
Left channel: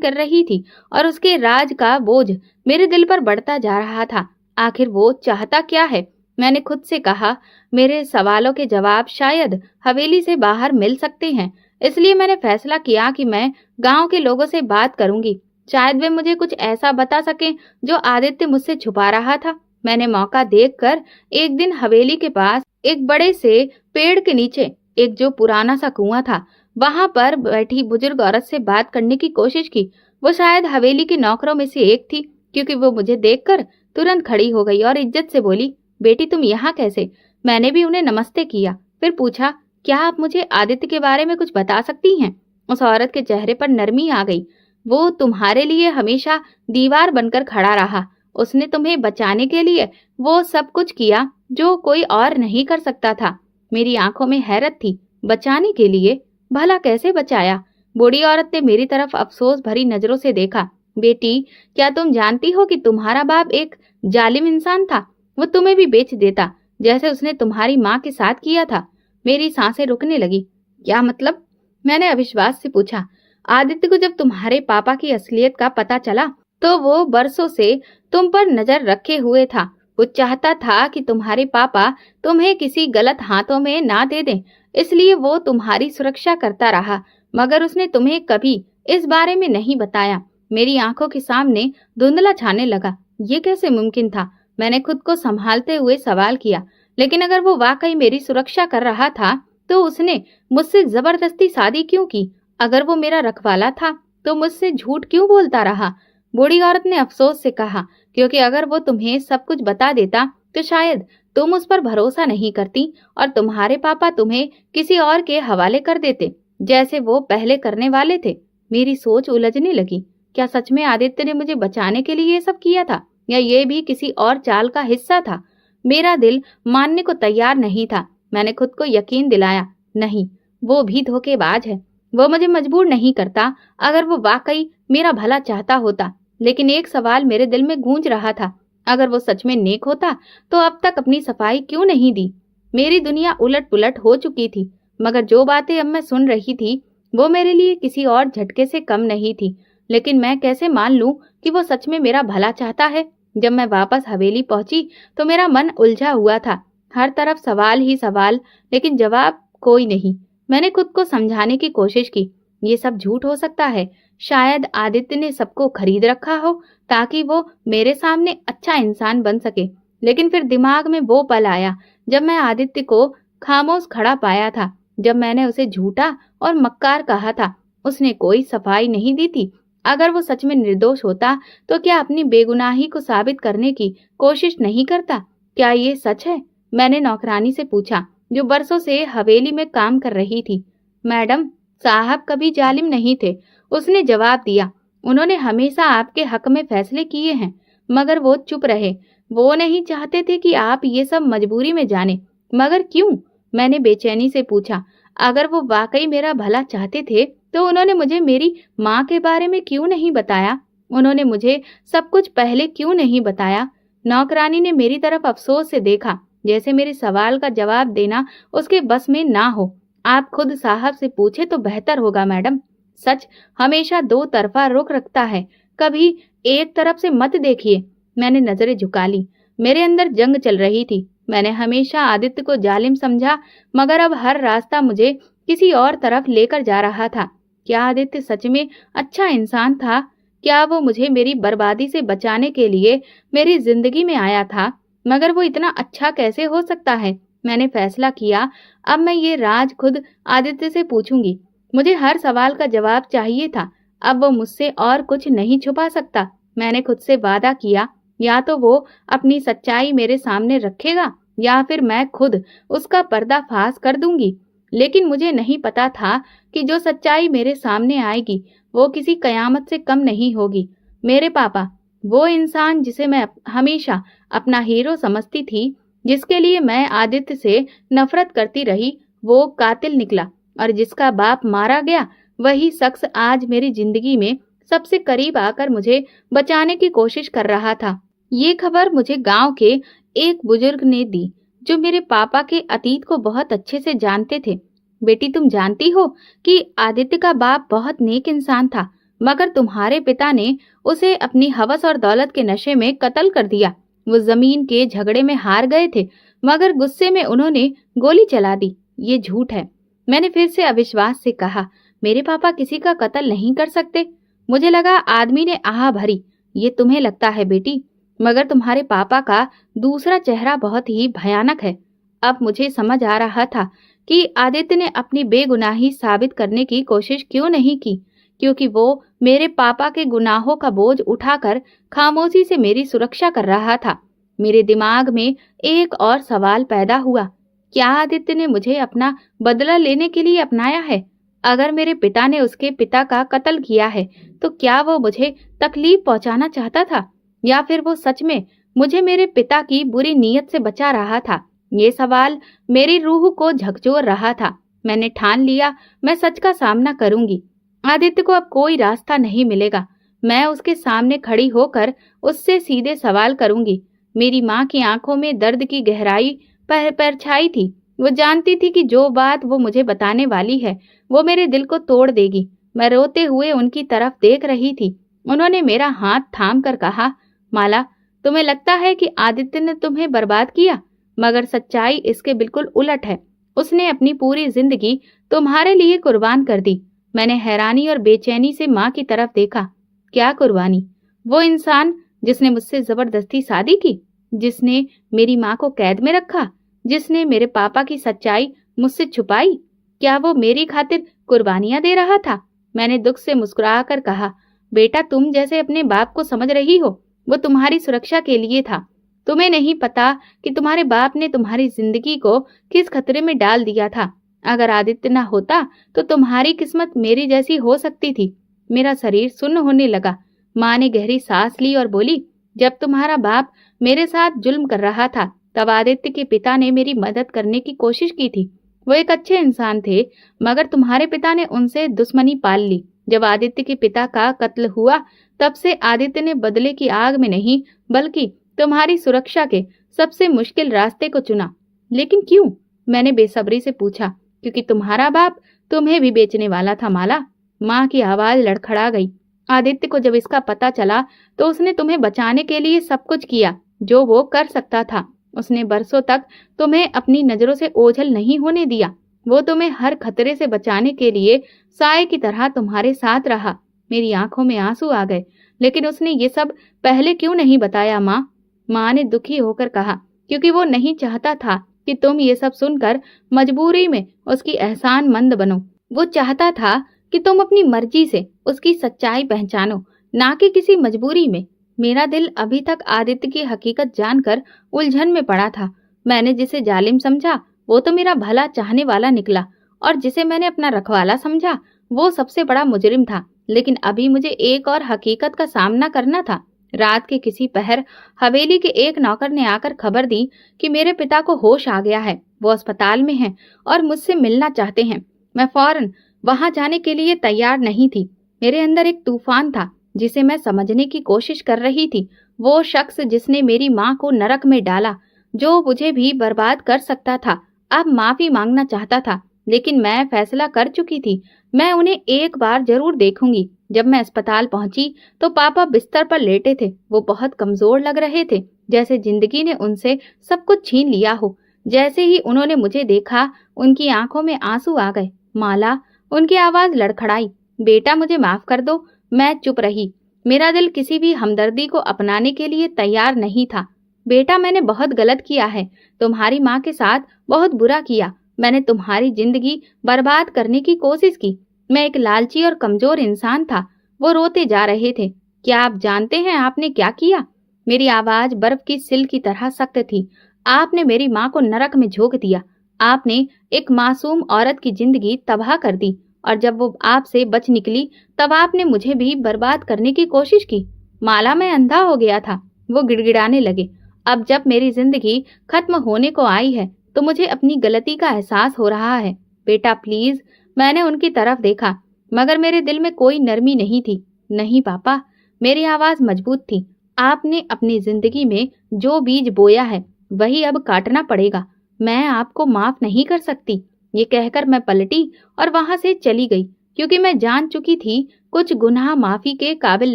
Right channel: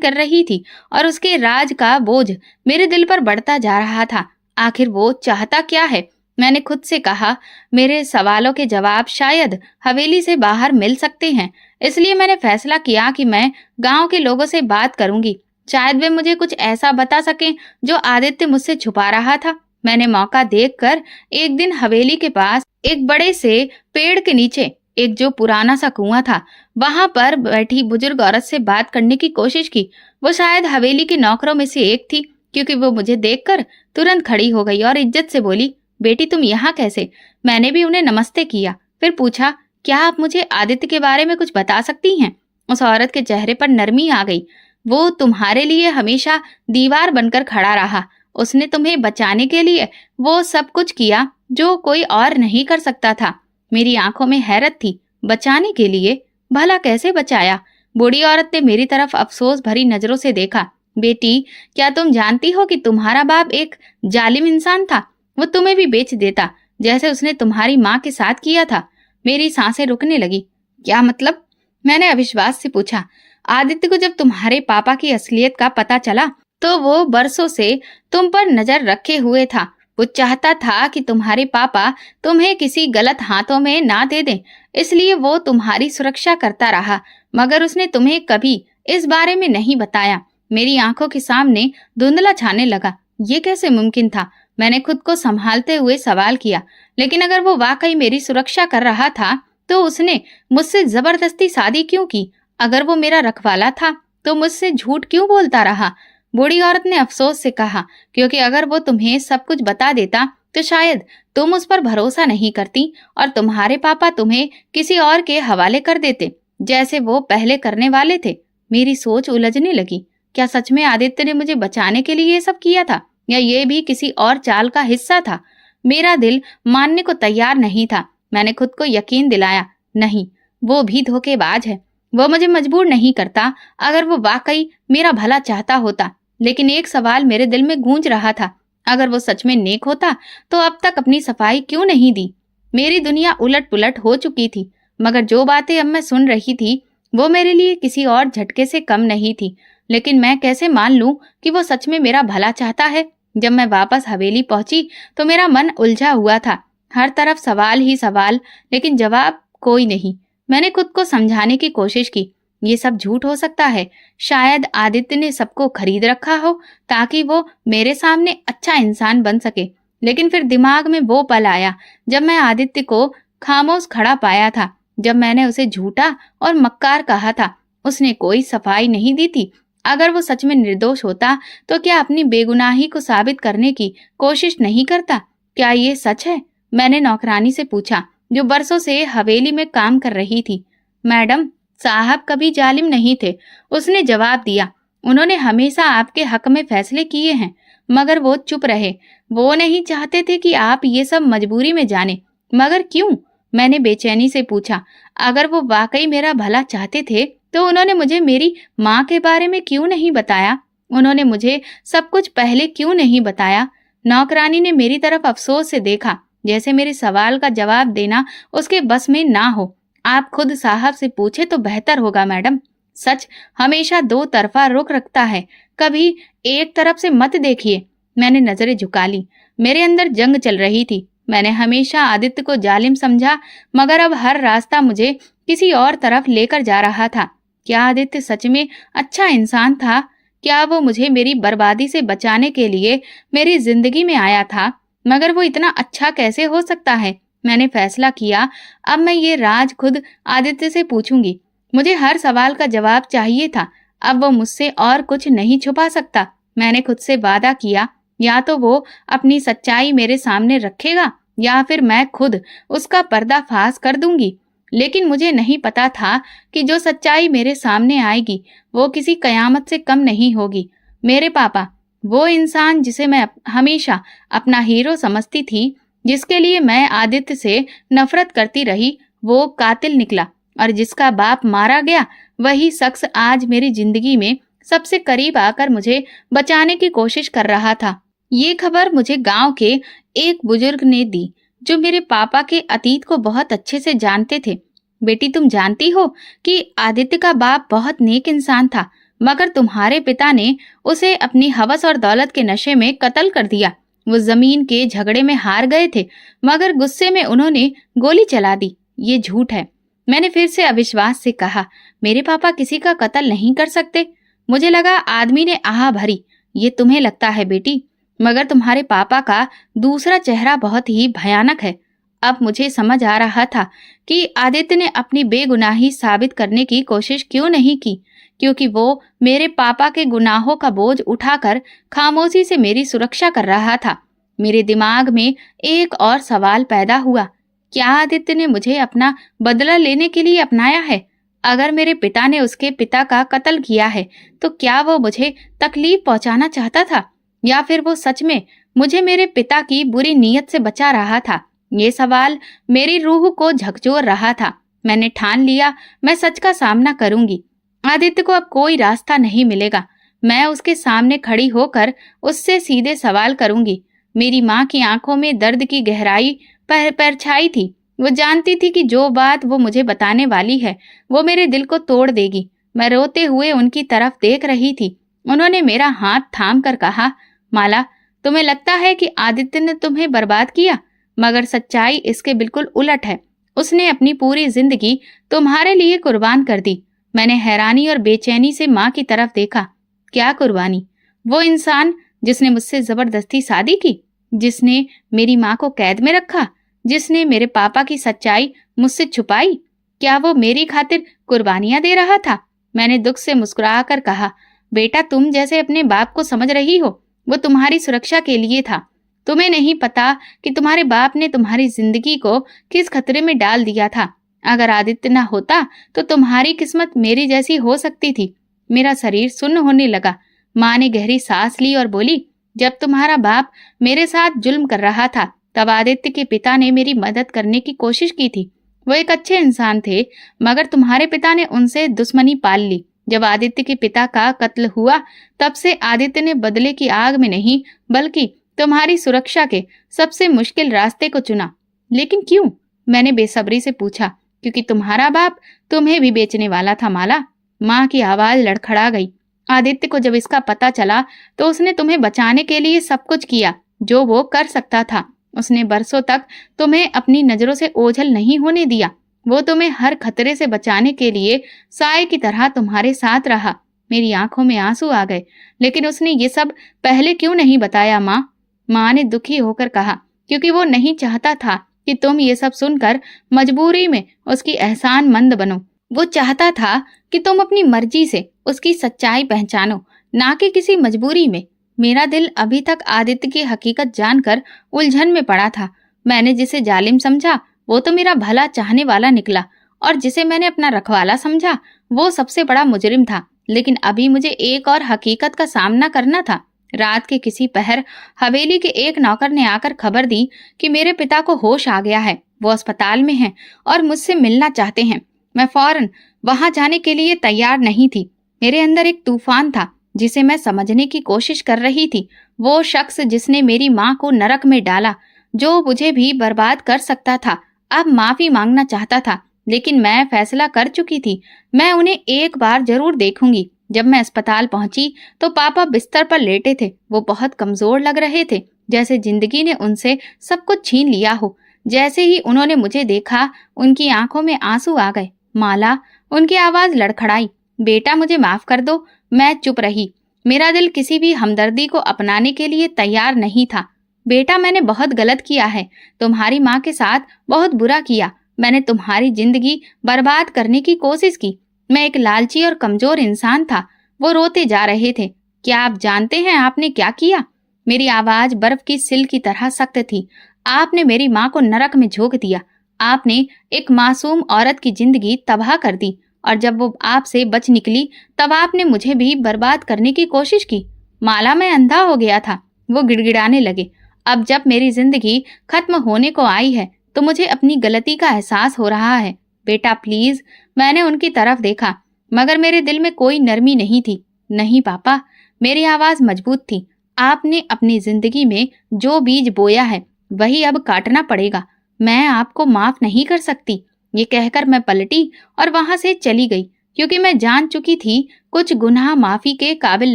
कर रही थी और उसके राज का बोझ मेरे दिल पर बढ़ता जा रहा था। आखिर वो चाहता क्या है? मैंने खुद से कहा, मेरे सवालों के जवाब शायद हवेली से बाहर मिल सकते हैं। इसलिए मैंने फैसला किया कि मैं गांव के लोगों से बात करूंगी। शायद वे मुझे कुछ ऐसा बता सकें जो आदित्य मुझसे छुपा रहा था। मैंने मौका देखकर एक दिन हवेली के पास एक बड़े से पेड़ के नीचे एक जो पुराना सा कुआं था, वहां पर बैठी बुजुर्ग औरत से बात करने की कोशिश की। वो शायद हवेली के नौकरों में से एक थी, क्योंकि वो मुझे देखकर तुरंत खड़ी हो गई और इज्जत से बोली, बेटी तुम यहाँ कैसे? मैंने भी उन्हें नमस्ते किया, फिर पूछा, क्या आप मुझे आदित्य के बारे में कुछ बता सकती हैं? उस औरत के चेहरे पर नरमी आ गई। वो तुम्हारे लिए हमेशा दीवार बनकर खड़ा रहा। उसने तुम्हें बचाने के लिए वो सब कुछ किया जो कोई और नहीं कर सकता था। मेरी आंखों में हैरत थी। बचाने के लिए? भला कैसे बचाया? बूढ़ी औरत ने मेरी तरफ अफसोस भरी नजरों से देखा। बेटी, क्या तुम जानती हो कि तुम्हारा बाप एक जालिम इंसान था? वो तुम्हें भी बेच देता, जैसे उसने तुम्हारी माँ के साथ किया था। मेरी सांसें रुकने लगी। क्या मतलब? मैंने अविश्वास से पूछा। आदित्य को जब तुम्हारे पापा की असलियत का पता चला तो वो बरसों से तुम पर नजर रखे हुए था। वो चाहता था कि तुम्हारे पापा तुम्हें किसी गलत हाथों में ना दे दें, इसलिए वो तुम्हारी सुरक्षा करता रहा, मगर उसने तुम्हें कभी इस बारे में नहीं बताया। मेरी आंखों के सामने धुंधला छाने लगा। ये कैसे मुमकिन था? मैंने खुद को संभालते हुए सवाल किया, लेकिन अगर वो वाकई मेरी सुरक्षा कर रहा था तो उसने मुझसे जबरदस्ती शादी क्यों की? अगर वो मेरा रखवाला था तो मुझसे झूठ क्यों बोलता रहा? बूढ़ी औरत ने अफसोस से कहा, क्योंकि अगर वो तुम्हें सब कुछ बता देता तो शायद तुम उस पर भरोसा नहीं करती और तुम्हारे पापा तुम्हें किसी और के हवाले कर देते, जैसे वो पहले करने वाले थे। मेरी सोच उलझने लगी। क्या सच में आदित्य ने मुझे बचाने के लिए ये सब किया था, या ये भी किसी और चाल का हिस्सा था? मेरा दिल मानने को तैयार नहीं था। मैंने खुद को यकीन दिलाया, नहीं, वो भी धोखेबाज है। वो मुझे मजबूर नहीं करता। अगर वो वाकई मेरा भला चाहता होता। लेकिन एक सवाल मेरे दिल में गूंज रहा था, अगर वो सच में नेक होता तो अब तक अपनी सफाई क्यों नहीं दी? मेरी दुनिया उलट पुलट हो चुकी थी, मगर जो बातें अब मैं सुन रही थी वो मेरे लिए किसी और झटके से कम नहीं थी। लेकिन मैं कैसे मान लूं कि वो सच में मेरा भला चाहता है? जब मैं वापस हवेली पहुंची तो मेरा मन उलझा हुआ था। हर तरफ सवाल ही सवाल, लेकिन जवाब कोई नहीं। मैंने खुद को समझाने की कोशिश की, ये सब झूठ हो सकता है। शायद आदित्य ने सबको खरीद रखा हो ताकि वो मेरे सामने अच्छा इंसान बन सके। लेकिन फिर दिमाग में वो पल आया जब मैं आदित्य को खामोश खड़ा पाया था, जब मैंने उसे झूठा और मक्कार कहा था। उसने कोई सफाई नहीं दी थी। अगर वो सच में निर्दोष होता तो क्या अपनी बेगुनाही को साबित करने की कोशिश नहीं करता? क्या ये सच है? मैंने नौकरानी से पूछा, जो बरसों से हवेली में काम कर रही थी। मैडम, साहब कभी जालिम नहीं थे, उसने जवाब दिया। उन्होंने हमेशा आपके हक में फैसले किए हैं, मगर वो चुप रहे। वो नहीं चाहते थे कि आप ये सब मजबूरी में जाने। मगर क्यों? मैंने बेचैनी से पूछा। अगर वो वाकई मेरा भला चाहते थे तो उन्होंने मुझे मेरी माँ के बारे में क्यों नहीं बताया? उन्होंने मुझे सब कुछ पहले क्यों नहीं बताया? नौकरानी ने मेरी तरफ अफसोस से देखा, जैसे मेरे सवाल का जवाब देना उसके बस में ना हो। आप खुद साहब से पूछे तो बेहतर होगा मैडम। सच हमेशा दो तरफा रुख रखता है, कभी एक तरफ से मत देखिए। मैंने नजरें झुका ली। मेरे अंदर जंग चल रही थी। मैंने हमेशा आदित्य को जालिम समझा, मगर अब हर रास्ता मुझे किसी और तरफ लेकर जा रहा था। क्या आदित्य सच में अच्छा इंसान था? क्या वो मुझे मेरी बर्बादी से बचाने के लिए मेरी जिंदगी में आया था? मगर वो इतना अच्छा कैसे हो सकता है? मैंने फैसला किया, अब मैं ये राज खुद आदित्य से पूछूंगी। मुझे हर सवाल का जवाब चाहिए था। अब वो मुझसे और कुछ नहीं छुपा सकता। मैंने खुद से वादा किया, या तो वो अपनी सच्चाई मेरे सामने रखेगा या फिर मैं खुद उसका पर्दाफाश कर दूंगी। लेकिन मुझे नहीं पता था कि जो सच्चाई मेरे सामने आएगी वो किसी कयामत से कम नहीं होगी। मेरे पापा, वो इंसान जिसे मैं हमेशा अपना हीरो समझती थी, जिसके लिए मैं आदित्य से नफरत करती रही, वो कातिल निकला। और जिसका बाप मारा गया, वही शख्स आज मेरी जिंदगी में सबसे करीब आकर मुझे बचाने की कोशिश कर रहा था। ये खबर मुझे गांव के एक बुजुर्ग ने दी, जो मेरे पापा के अतीत को बहुत अच्छे से जानते थे। बेटी, तुम जानती हो कि आदित्य का बाप बहुत नेक इंसान था, मगर तुम्हारे पिता ने उसे अपनी हवस और दौलत के नशे में कत्ल कर दिया। वो जमीन के झगड़े में हार गए थे, मगर गुस्से में उन्होंने गोली चला दी। ये झूठ है। मैंने फिर से अविश्वास से कहा, मेरे पापा किसी का कत्ल नहीं कर सकते। मुझे लगा आदमी ने आह भरी। ये तुम्हें लगता है बेटी, मगर तुम्हारे पापा का दूसरा चेहरा बहुत ही भयानक है। अब मुझे समझ आ रहा था कि आदित्य ने अपनी बेगुनाही साबित करने की कोशिश क्यों नहीं की, क्योंकि वो मेरे पापा के गुनाहों का बोझ उठाकर खामोशी से मेरी सुरक्षा कर रहा था। मेरे दिमाग में एक और सवाल पैदा हुआ, क्या आदित्य ने मुझे अपना बदला लेने के लिए अपनाया है? अगर मेरे पिता ने उसके पिता का कत्ल किया है, तो क्या वो मुझे तकलीफ पहुंचाना चाहता था, या फिर वो सच में मुझे मेरे पिता की बुरी नीयत से बचा रहा था? ये सवाल मेरी रूह को झकझोर रहा था। मैंने ठान लिया, मैं सच का सामना करूंगी। आदित्य को अब कोई रास्ता नहीं मिलेगा। मैं उसके सामने खड़ी होकर उससे सीधे सवाल करूंगी। मेरी माँ की आंखों में दर्द की गहराई परछाई थी। वो जानती थी कि जो बात वो मुझे बताने वाली है, वो मेरे दिल को तोड़ देगी। मैं रोते हुए उनकी तरफ देख रही थी। उन्होंने मेरा हाथ थाम कर कहा, माला, तुम्हें लगता है कि आदित्य ने तुम्हें बर्बाद किया, मगर सच्चाई इसके बिल्कुल उलट है। उसने अपनी पूरी जिंदगी तुम्हारे लिए कुर्बान कर दी। मैंने हैरानी और बेचैनी से माँ की तरफ देखा। क्या कुर्बानी? वो इंसान जिसने मुझसे जबरदस्ती शादी की, जिसने मेरी माँ को कैद में रखा, जिसने मेरे पापा की सच्चाई मुझसे छुपाई, क्या वो मेरी खातिर कुर्बानियां दे रहा था? मैंने दुख से मुस्कुराकर कहा, बेटा, तुम जैसे अपने बाप को समझ रही हो, वो तुम्हारी सुरक्षा के लिए था। तुम्हें नहीं पता कि तुम्हारे बाप ने तुम्हारी जिंदगी को किस खतरे में डाल दिया था। अगर आदित्य न होता तो तुम्हारी किस्मत मेरी जैसी हो सकती थी। मेरा शरीर सुन्न होने लगा। माँ ने गहरी सांस ली और बोली, जब तुम्हारा बाप मेरे साथ जुल्म कर रहा था, तब आदित्य के पिता ने मेरी मदद करने की कोशिश की थी। वो एक अच्छे इंसान थे, मगर तुम्हारे पिता ने उनसे दुश्मनी पाल ली। जब आदित्य के पिता का कत्ल हुआ, तब से आदित्य ने बदले की आग में नहीं, बल्कि तुम्हारी सुरक्षा के सबसे मुश्किल रास्ते को चुना। लेकिन क्यों? मैंने बेसब्री से पूछा। क्योंकि तुम्हारा बाप तुम्हें भी बेचने वाला था, माला। माँ की आवाज लड़खड़ा गई। आदित्य को जब इसका पता चला, तो उसने तुम्हें बचाने के लिए सब कुछ किया जो वो कर सकता था। उसने बरसों तक तुम्हें अपनी नजरों से ओझल नहीं होने दिया। वो तुम्हें हर खतरे से बचाने के लिए साए की तरह तुम्हारे साथ रहा। मेरी आंखों में आंसू आ गए। लेकिन उसने ये सब पहले क्यों नहीं बताया, माँ? माँ ने दुखी होकर कहा, क्योंकि वो नहीं चाहता था कि तुम ये सब सुनकर मजबूरी में उसकी एहसानमंद बनो। वो चाहता था कि तुम अपनी मर्जी से उसकी सच्चाई पहचानो, ना कि किसी मजबूरी में। मेरा दिल अभी तक आदित्य की हकीकत जानकर उलझन में पड़ा था। मैंने जिसे जालिम समझा, वो तो मेरा भला चाहने वाला निकला, और जिसे मैंने अपना रखवाला समझा, वो सबसे बड़ा मुजरिम था। लेकिन अभी मुझे एक और हकीकत का सामना करना था। रात के किसी पहर हवेली के एक नौकर ने आकर खबर दी कि मेरे पिता को होश आ गया है, वो अस्पताल में हैं और मुझसे मिलना चाहते हैं। मैं फौरन वहां जाने के लिए तैयार नहीं थी। मेरे अंदर एक तूफान था जिसे मैं समझने की कोशिश कर रही थी। वो शख्स जिसने मेरी माँ को नरक में डाला, जो मुझे भी बर्बाद कर सकता था, अब माफी मांगना चाहता था। लेकिन मैं फैसला कर चुकी थी, मैं उन्हें एक बार जरूर देखूंगी। जब मैं अस्पताल पहुंची तो पापा बिस्तर पर लेटे थे। वो बहुत कमजोर लग रहे थे। जैसे जिंदगी ने उनसे सब कुछ छीन लिया हो। जैसे ही उन्होंने मुझे देखा, उनकी आंखों में आंसू आ गए। माला, उनकी आवाज लड़खड़ाई। बेटा मुझे माफ कर दो। मैं चुप रही। मेरा दिल किसी भी हमदर्दी को अपनाने के लिए तैयार नहीं था। बेटा, मैंने बहुत गलत किया है। तुम्हारी माँ के साथ बहुत बुरा किया। मैंने तुम्हारी जिंदगी बर्बाद करने की कोशिश की। मैं एक लालची और कमजोर इंसान था। वो रोते जा रहे थे। क्या आप जानते हैं आपने क्या किया? मेरी आवाज बर्फ की सिल की तरह सख्त थी। आपने मेरी माँ को नरक में झोंक दिया। आपने एक मासूम औरत की जिंदगी तबाह कर दी, और जब वो आपसे बच निकली तब आपने मुझे भी बर्बाद करने की कोशिश की। माला, मैं अंधा हो गया था। वो गिड़गिड़ाने लगे। अब जब मेरी जिंदगी खत्म होने को आई है तो मुझे अपनी गलती का एहसास हो रहा है। बेटा प्लीज। मैंने उनकी तरफ देखा, मगर मेरे दिल में कोई नरमी नहीं थी। नहीं पापा, मेरी आवाज मजबूत थी। आपने अपनी जिंदगी में जो बीज बोया है वही अब काटना पड़ेगा। मैं आपको माफ नहीं कर सकती। ये कहकर मैं पलटी और वहां से चली गई, क्योंकि मैं जान चुकी थी कुछ गुनाह माफी के काबिल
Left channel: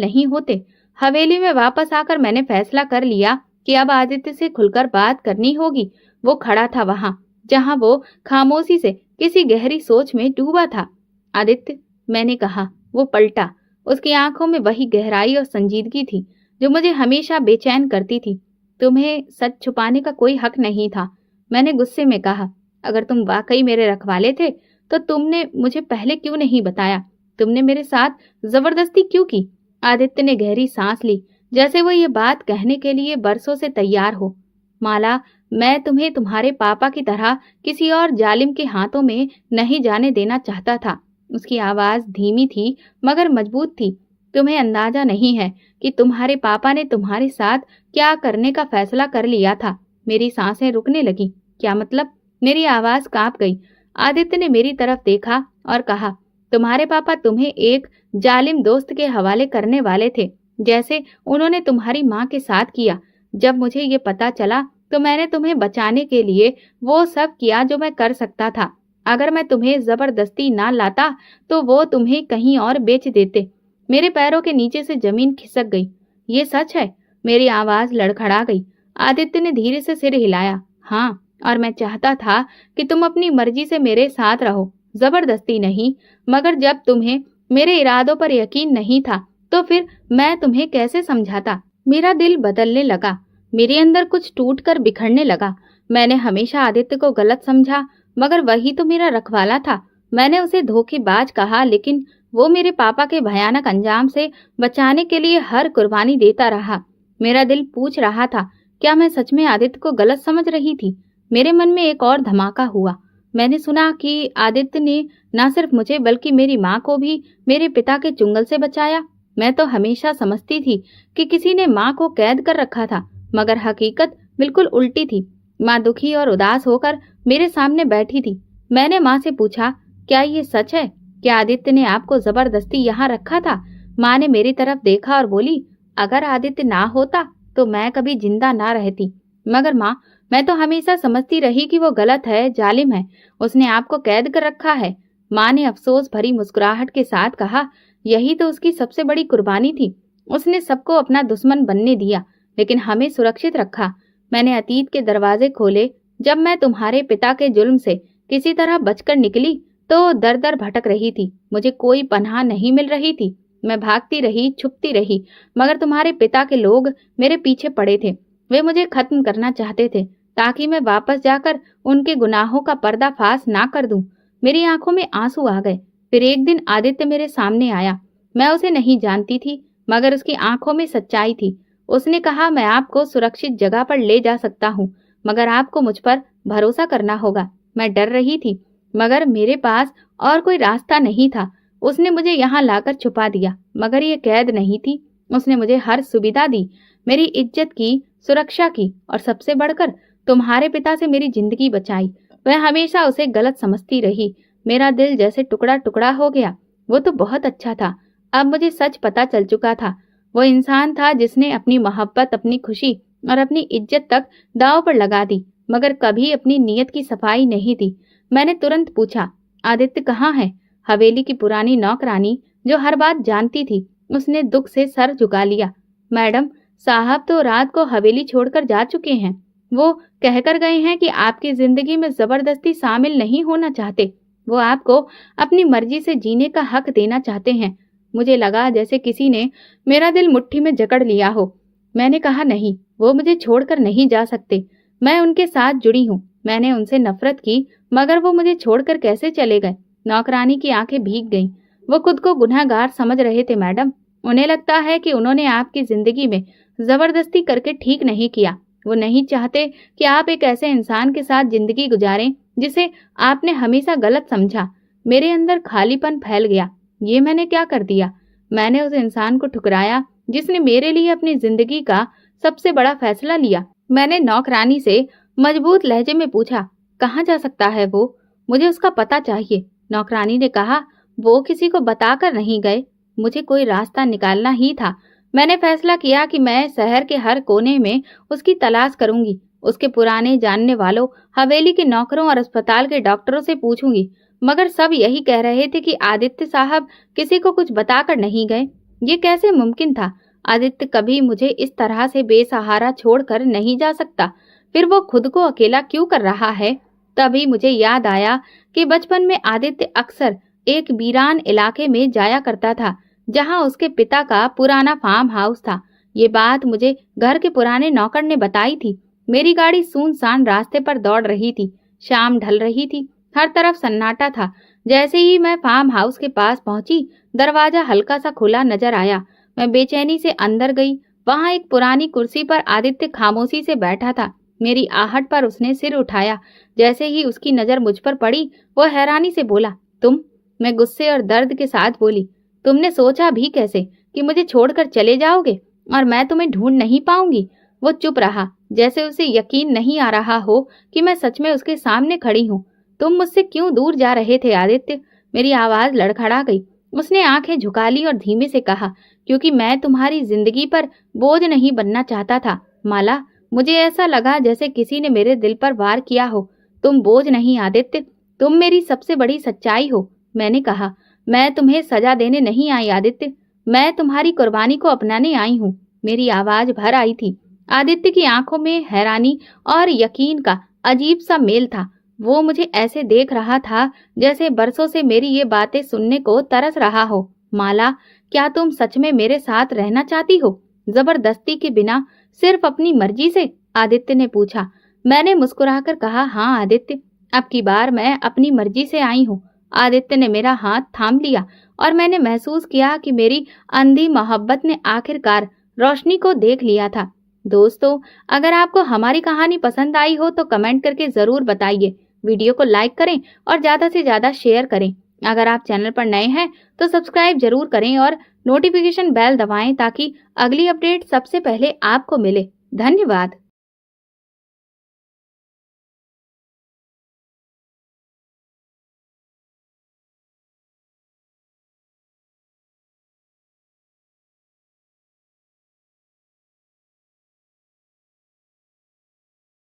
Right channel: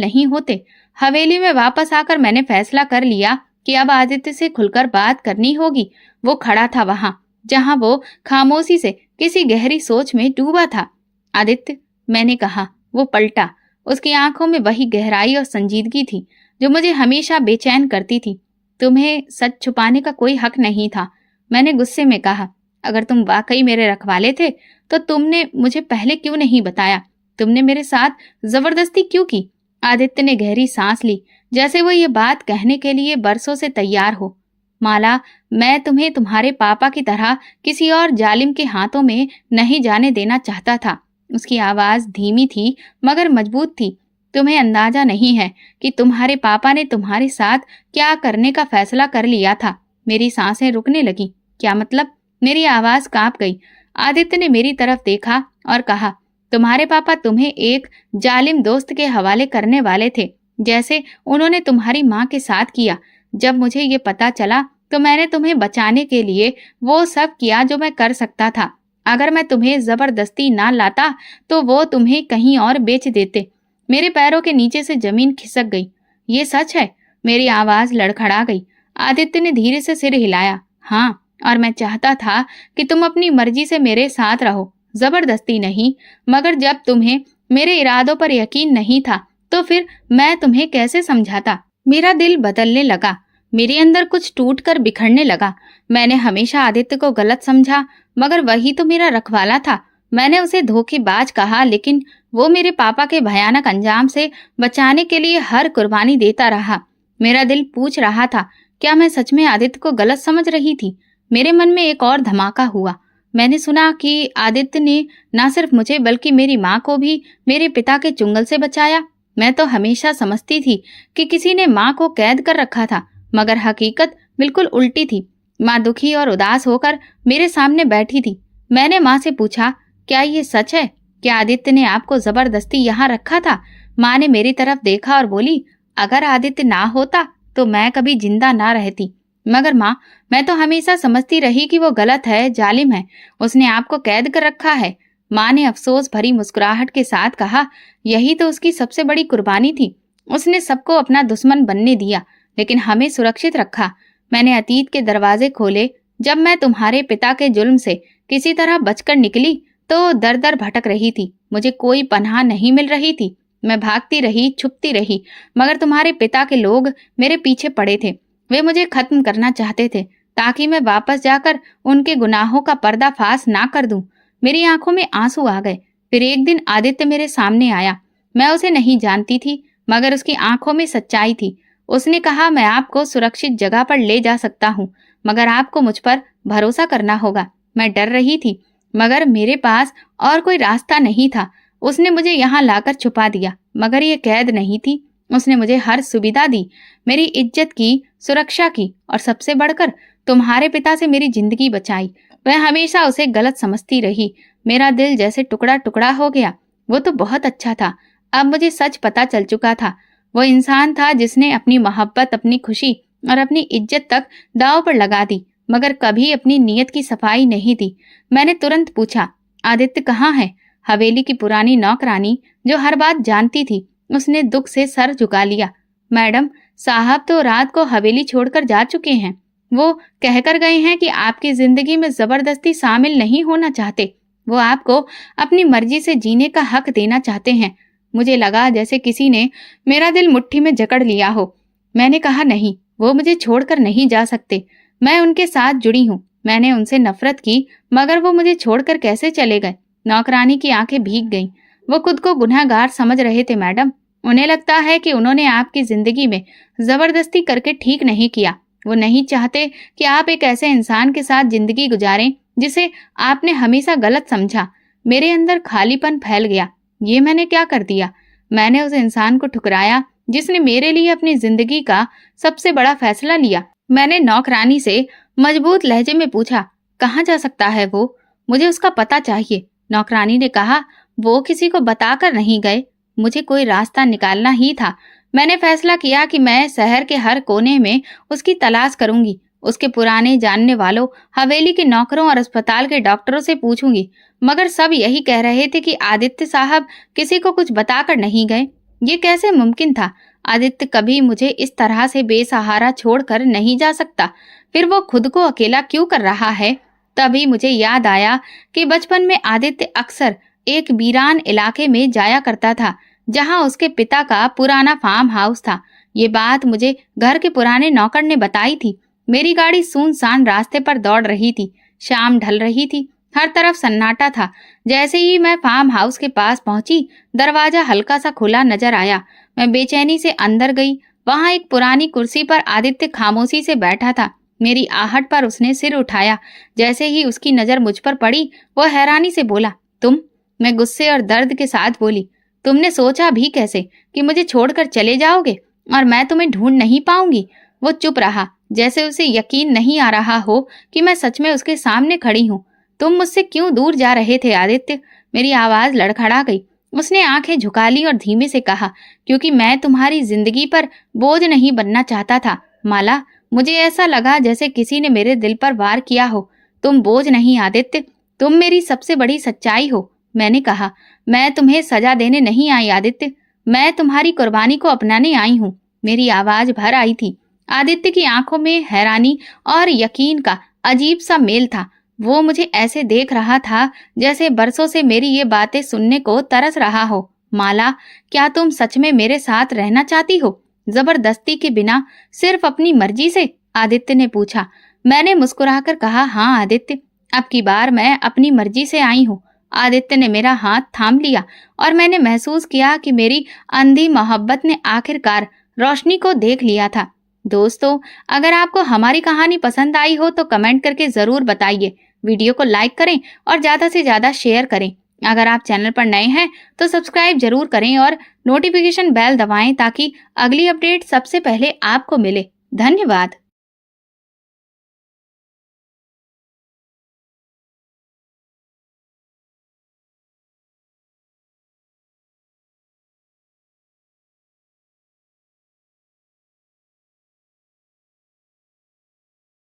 नहीं होते। हवेली में वापस आकर मैंने फैसला कर लिया कि अब आदित्य से खुलकर बात करनी होगी। वो खड़ा था वहां जहां वो खामोशी से किसी गहरी सोच में डूबा था। आदित्य, मैंने कहा। वो पलटा। उसकी आंखों में वही गहराई और संजीदगी थी जो मुझे हमेशा बेचैन करती थी। तुम्हें सच छुपाने का कोई हक नहीं था, मैंने गुस्से में कहा। अगर तुम वाकई मेरे रखवाले थे तो तुमने मुझे पहले क्यों नहीं बताया? तुमने मेरे साथ जबरदस्ती क्यों की? आदित्य ने गहरी सांस ली, जैसे वो ये बात कहने के लिए बरसों से तैयार हो। माला, मैं तुम्हें तुम्हारे पापा की तरह किसी और जालिम के हाथों में नहीं जाने देना चाहता था। उसकी आवाज धीमी थी मगर मजबूत थी। तुम्हें अंदाजा नहीं है कि तुम्हारे पापा ने तुम्हारे साथ क्या करने का फैसला कर लिया था। मेरी सांसें रुकने लगी। क्या मतलब? मेरी आवाज कांप गई। आदित्य ने मेरी तरफ देखा और कहा, तुम्हारे पापा तुम्हें एक जालिम दोस्त के हवाले करने वाले थे, जैसे उन्होंने तुम्हारी माँ के साथ किया। जब मुझे ये पता चला तो मैंने तुम्हें बचाने के लिए वो सब किया जो मैं कर सकता था। अगर मैं तुम्हें जबरदस्ती ना लाता तो वो तुम्हें कहीं और बेच देते। मेरे पैरों के नीचे से जमीन खिसक गई। ये सच है? मेरी आवाज लड़खड़ा गई। आदित्य ने धीरे से सिर हिलाया। हाँ, और मैं चाहता था कि तुम अपनी मर्जी से मेरे साथ रहो, जबरदस्ती नहीं। मगर जब तुम्हें मेरे इरादों पर यकीन नहीं था तो फिर मैं तुम्हें कैसे समझाता? मेरा दिल बदलने लगा। मेरे अंदर कुछ टूट कर बिखरने लगा। मैंने हमेशा आदित्य को गलत समझा, मगर वही तो मेरा रखवाला था। मैंने उसे धोखेबाज कहा, लेकिन वो मेरे पापा के भयानक अंजाम से बचाने के लिए हर कुर्बानी देता रहा। मेरा दिल पूछ रहा था, क्या मैं सच में आदित्य को गलत समझ रही थी? मेरे मन में एक और धमाका हुआ। मैंने सुना कि आदित्य ने न सिर्फ मुझे बल्कि मेरी माँ को भी मेरे पिता के चुंगल से बचाया। मैं तो हमेशा समझती थी कि किसी ने माँ को कैद कर रखा था, मगर हकीकत बिल्कुल उल्टी थी। माँ दुखी और उदास होकर मेरे सामने बैठी थी। मैंने माँ से पूछा, क्या ये सच है? क्या आदित्य ने आपको जबरदस्ती यहाँ रखा था? माँ ने मेरी तरफ देखा और बोली, अगर आदित्य ना होता तो मैं कभी जिंदा ना रहती। मगर माँ, मैं तो हमेशा समझती रही कि वो गलत है, जालिम है। उसने आपको कैद कर रखा है। माँ ने अफसोस भरी मुस्कुराहट के साथ कहा, यही तो उसकी सबसे बड़ी कुर्बानी थी। उसने सबको अपना दुश्मन बनने दिया, लेकिन हमें सुरक्षित रखा। मैंने अतीत के दरवाजे खोले। जब मैं तुम्हारे पिता के जुल्म से किसी तरह बचकर निकली तो दर दर भटक रही थी। मुझे कोई पनाह नहीं मिल रही थी। मैं भागती रही, छुपती रही, मगर तुम्हारे पिता के लोग मेरे पीछे पड़े थे। वे मुझे खत्म करना चाहते थे, ताकि मैं वापस जाकर उनके गुनाहों का पर्दाफाश ना कर दूं। मेरी आंखों में आंसू आ गए। फिर एक दिन आदित्य मेरे सामने आया। मैं उसे नहीं जानती थी, मगर उसकी आंखों में सच्चाई थी। उसने कहा, मैं आपको सुरक्षित जगह पर ले जा सकता हूँ, मगर आपको मुझ पर भरोसा करना होगा। मैं डर रही थी, मगर मेरे पास और कोई रास्ता नहीं था। उसने मुझे यहाँ लाकर छुपा दिया, मगर ये कैद नहीं थी। उसने मुझे हर सुविधा दी, मेरी इज्जत की, सुरक्षा की, और सबसे बढ़कर तुम्हारे पिता से मेरी जिंदगी बचाई। वह हमेशा उसे गलत समझती रही। मेरा दिल जैसे टुकड़ा टुकड़ा हो गया। वो तो बहुत अच्छा था। अब मुझे सच पता चल चुका था। वो इंसान था जिसने अपनी मोहब्बत, अपनी खुशी और अपनी इज्जत तक दांव पर लगा दी, मगर कभी अपनी नीयत की सफाई नहीं दी। मैंने तुरंत पूछा, आदित्य कहाँ है? हवेली की पुरानी नौकरानी जो हर बात जानती थी, उसने दुख से सर झुका लिया। मैडम, साहब तो रात को हवेली छोड़कर जा चुके हैं। वो कहकर गए हैं कि आपकी जिंदगी में जबरदस्ती शामिल नहीं होना चाहते। वो आपको अपनी मर्जी से जीने का हक देना चाहते हैं। मुझे लगा जैसे किसी ने मेरा दिल मुट्ठी में जकड़ लिया हो। मैंने कहा नहीं, वो मुझे छोड़कर नहीं जा सकते। मैं उनके साथ जुड़ी हूँ। मैंने उनसे नफरत की, मगर वो मुझे छोड़कर कैसे चले गए? नौकरानी की आंखें भीग गईं। वो खुद को गुनहगार समझ रहे थे मैडम। उन्हें लगता है कि उन्होंने आपकी जिंदगी में जबरदस्ती करके ठीक नहीं किया। वो नहीं चाहते कि आप एक ऐसे इंसान के साथ जिंदगी गुजारें जिसे आपने हमेशा गलत समझा। मेरे अंदर खालीपन फैल गया। ये मैंने क्या कर दिया? मैंने उस इंसान को ठुकराया जिसने मेरे लिए अपनी जिंदगी का सबसे बड़ा फैसला लिया। मैंने नौकरानी से मजबूत लहजे में पूछा, कहाँ जा सकता है वो? मुझे उसका पता चाहिए। नौकरानी ने कहा, वो किसी को बताकर नहीं गए। मुझे कोई रास्ता निकालना ही था। मैंने फैसला किया कि मैं शहर के हर कोने में उसकी तलाश करूंगी। उसके पुराने जानने वालों, हवेली के नौकरों और अस्पताल के डॉक्टरों से पूछूंगी, मगर सब यही कह रहे थे कि आदित्य साहब किसी को कुछ बताकर नहीं गए। ये कैसे मुमकिन था? आदित्य कभी मुझे इस तरह से बेसहारा छोड़कर नहीं जा सकता। फिर वो खुद को अकेला क्यों कर रहा है? तभी मुझे याद आया कि बचपन में आदित्य अक्सर एक वीरान इलाके में जाया करता था, जहां उसके पिता का पुराना फार्म हाउस था। ये बात मुझे घर के पुराने नौकर ने बताई थी। मेरी गाड़ी सुनसान रास्ते पर दौड़ रही थी। शाम ढल रही थी। हर तरफ सन्नाटा था। जैसे ही मैं फार्म हाउस के पास पहुंची, दरवाजा हल्का सा खुला नजर आया। मैं बेचैनी से अंदर गई। वहां एक पुरानी कुर्सी पर आदित्य खामोशी से बैठा था। मेरी आहट पर उसने सिर उठाया। जैसे ही उसकी नजर मुझ पर पड़ी, वो हैरानी से बोला, तुम? मैं गुस्से और दर्द के साथ बोली, तुमने सोचा भी कैसे कि मुझे छोड़कर चले जाओगे और मैं तुम्हें ढूंढ नहीं पाऊंगी? वो चुप रहा, जैसे उसे यकीन नहीं आ रहा हो कि मैं सच में उसके सामने खड़ी हूँ। तुम मुझसे क्यों दूर जा रहे थे आदित्य? मेरी आवाज लड़खड़ा गई। उसने आंखें झुका ली और धीमे से कहा, क्योंकि मैं तुम्हारी जिंदगी पर बोझ नहीं बनना चाहता था माला। मुझे ऐसा लगा जैसे किसी ने मेरे दिल पर वार किया हो। तुम बोझ नहीं आदित्य, तुम मेरी सबसे बड़ी सच्चाई हो। मैंने कहा, मैं तुम्हें सजा देने नहीं आई आदित्य, मैं तुम्हारी कुर्बानी को अपनाने आई हूँ। मेरी आवाज भर आई थी। आदित्य की आंखों में हैरानी और यकीन का अजीब सा मेल था। वो मुझे ऐसे देख रहा था जैसे बरसों से मेरी ये बातें सुनने को तरस रहा हो। माला, क्या तुम सच में मेरे साथ रहना चाहती हो? जबरदस्ती के बिना, सिर्फ अपनी मर्जी से? आदित्य ने पूछा। मैंने मुस्कुराकर कहा, हाँ आदित्य, अब की बार मैं अपनी मर्जी से आई हूँ। आदित्य ने मेरा हाथ थाम लिया और मैंने महसूस किया कि मेरी अंधी मोहब्बत ने आखिरकार रोशनी को देख लिया था। दोस्तों, अगर आपको हमारी कहानी पसंद आई हो तो कमेंट करके जरूर बताइए। वीडियो को लाइक करें और ज्यादा से ज्यादा शेयर करें। अगर आप चैनल पर नए हैं तो सब्सक्राइब जरूर करें और नोटिफिकेशन बेल दबाएं ताकि अगली अपडेट सबसे पहले आपको मिले। धन्यवाद।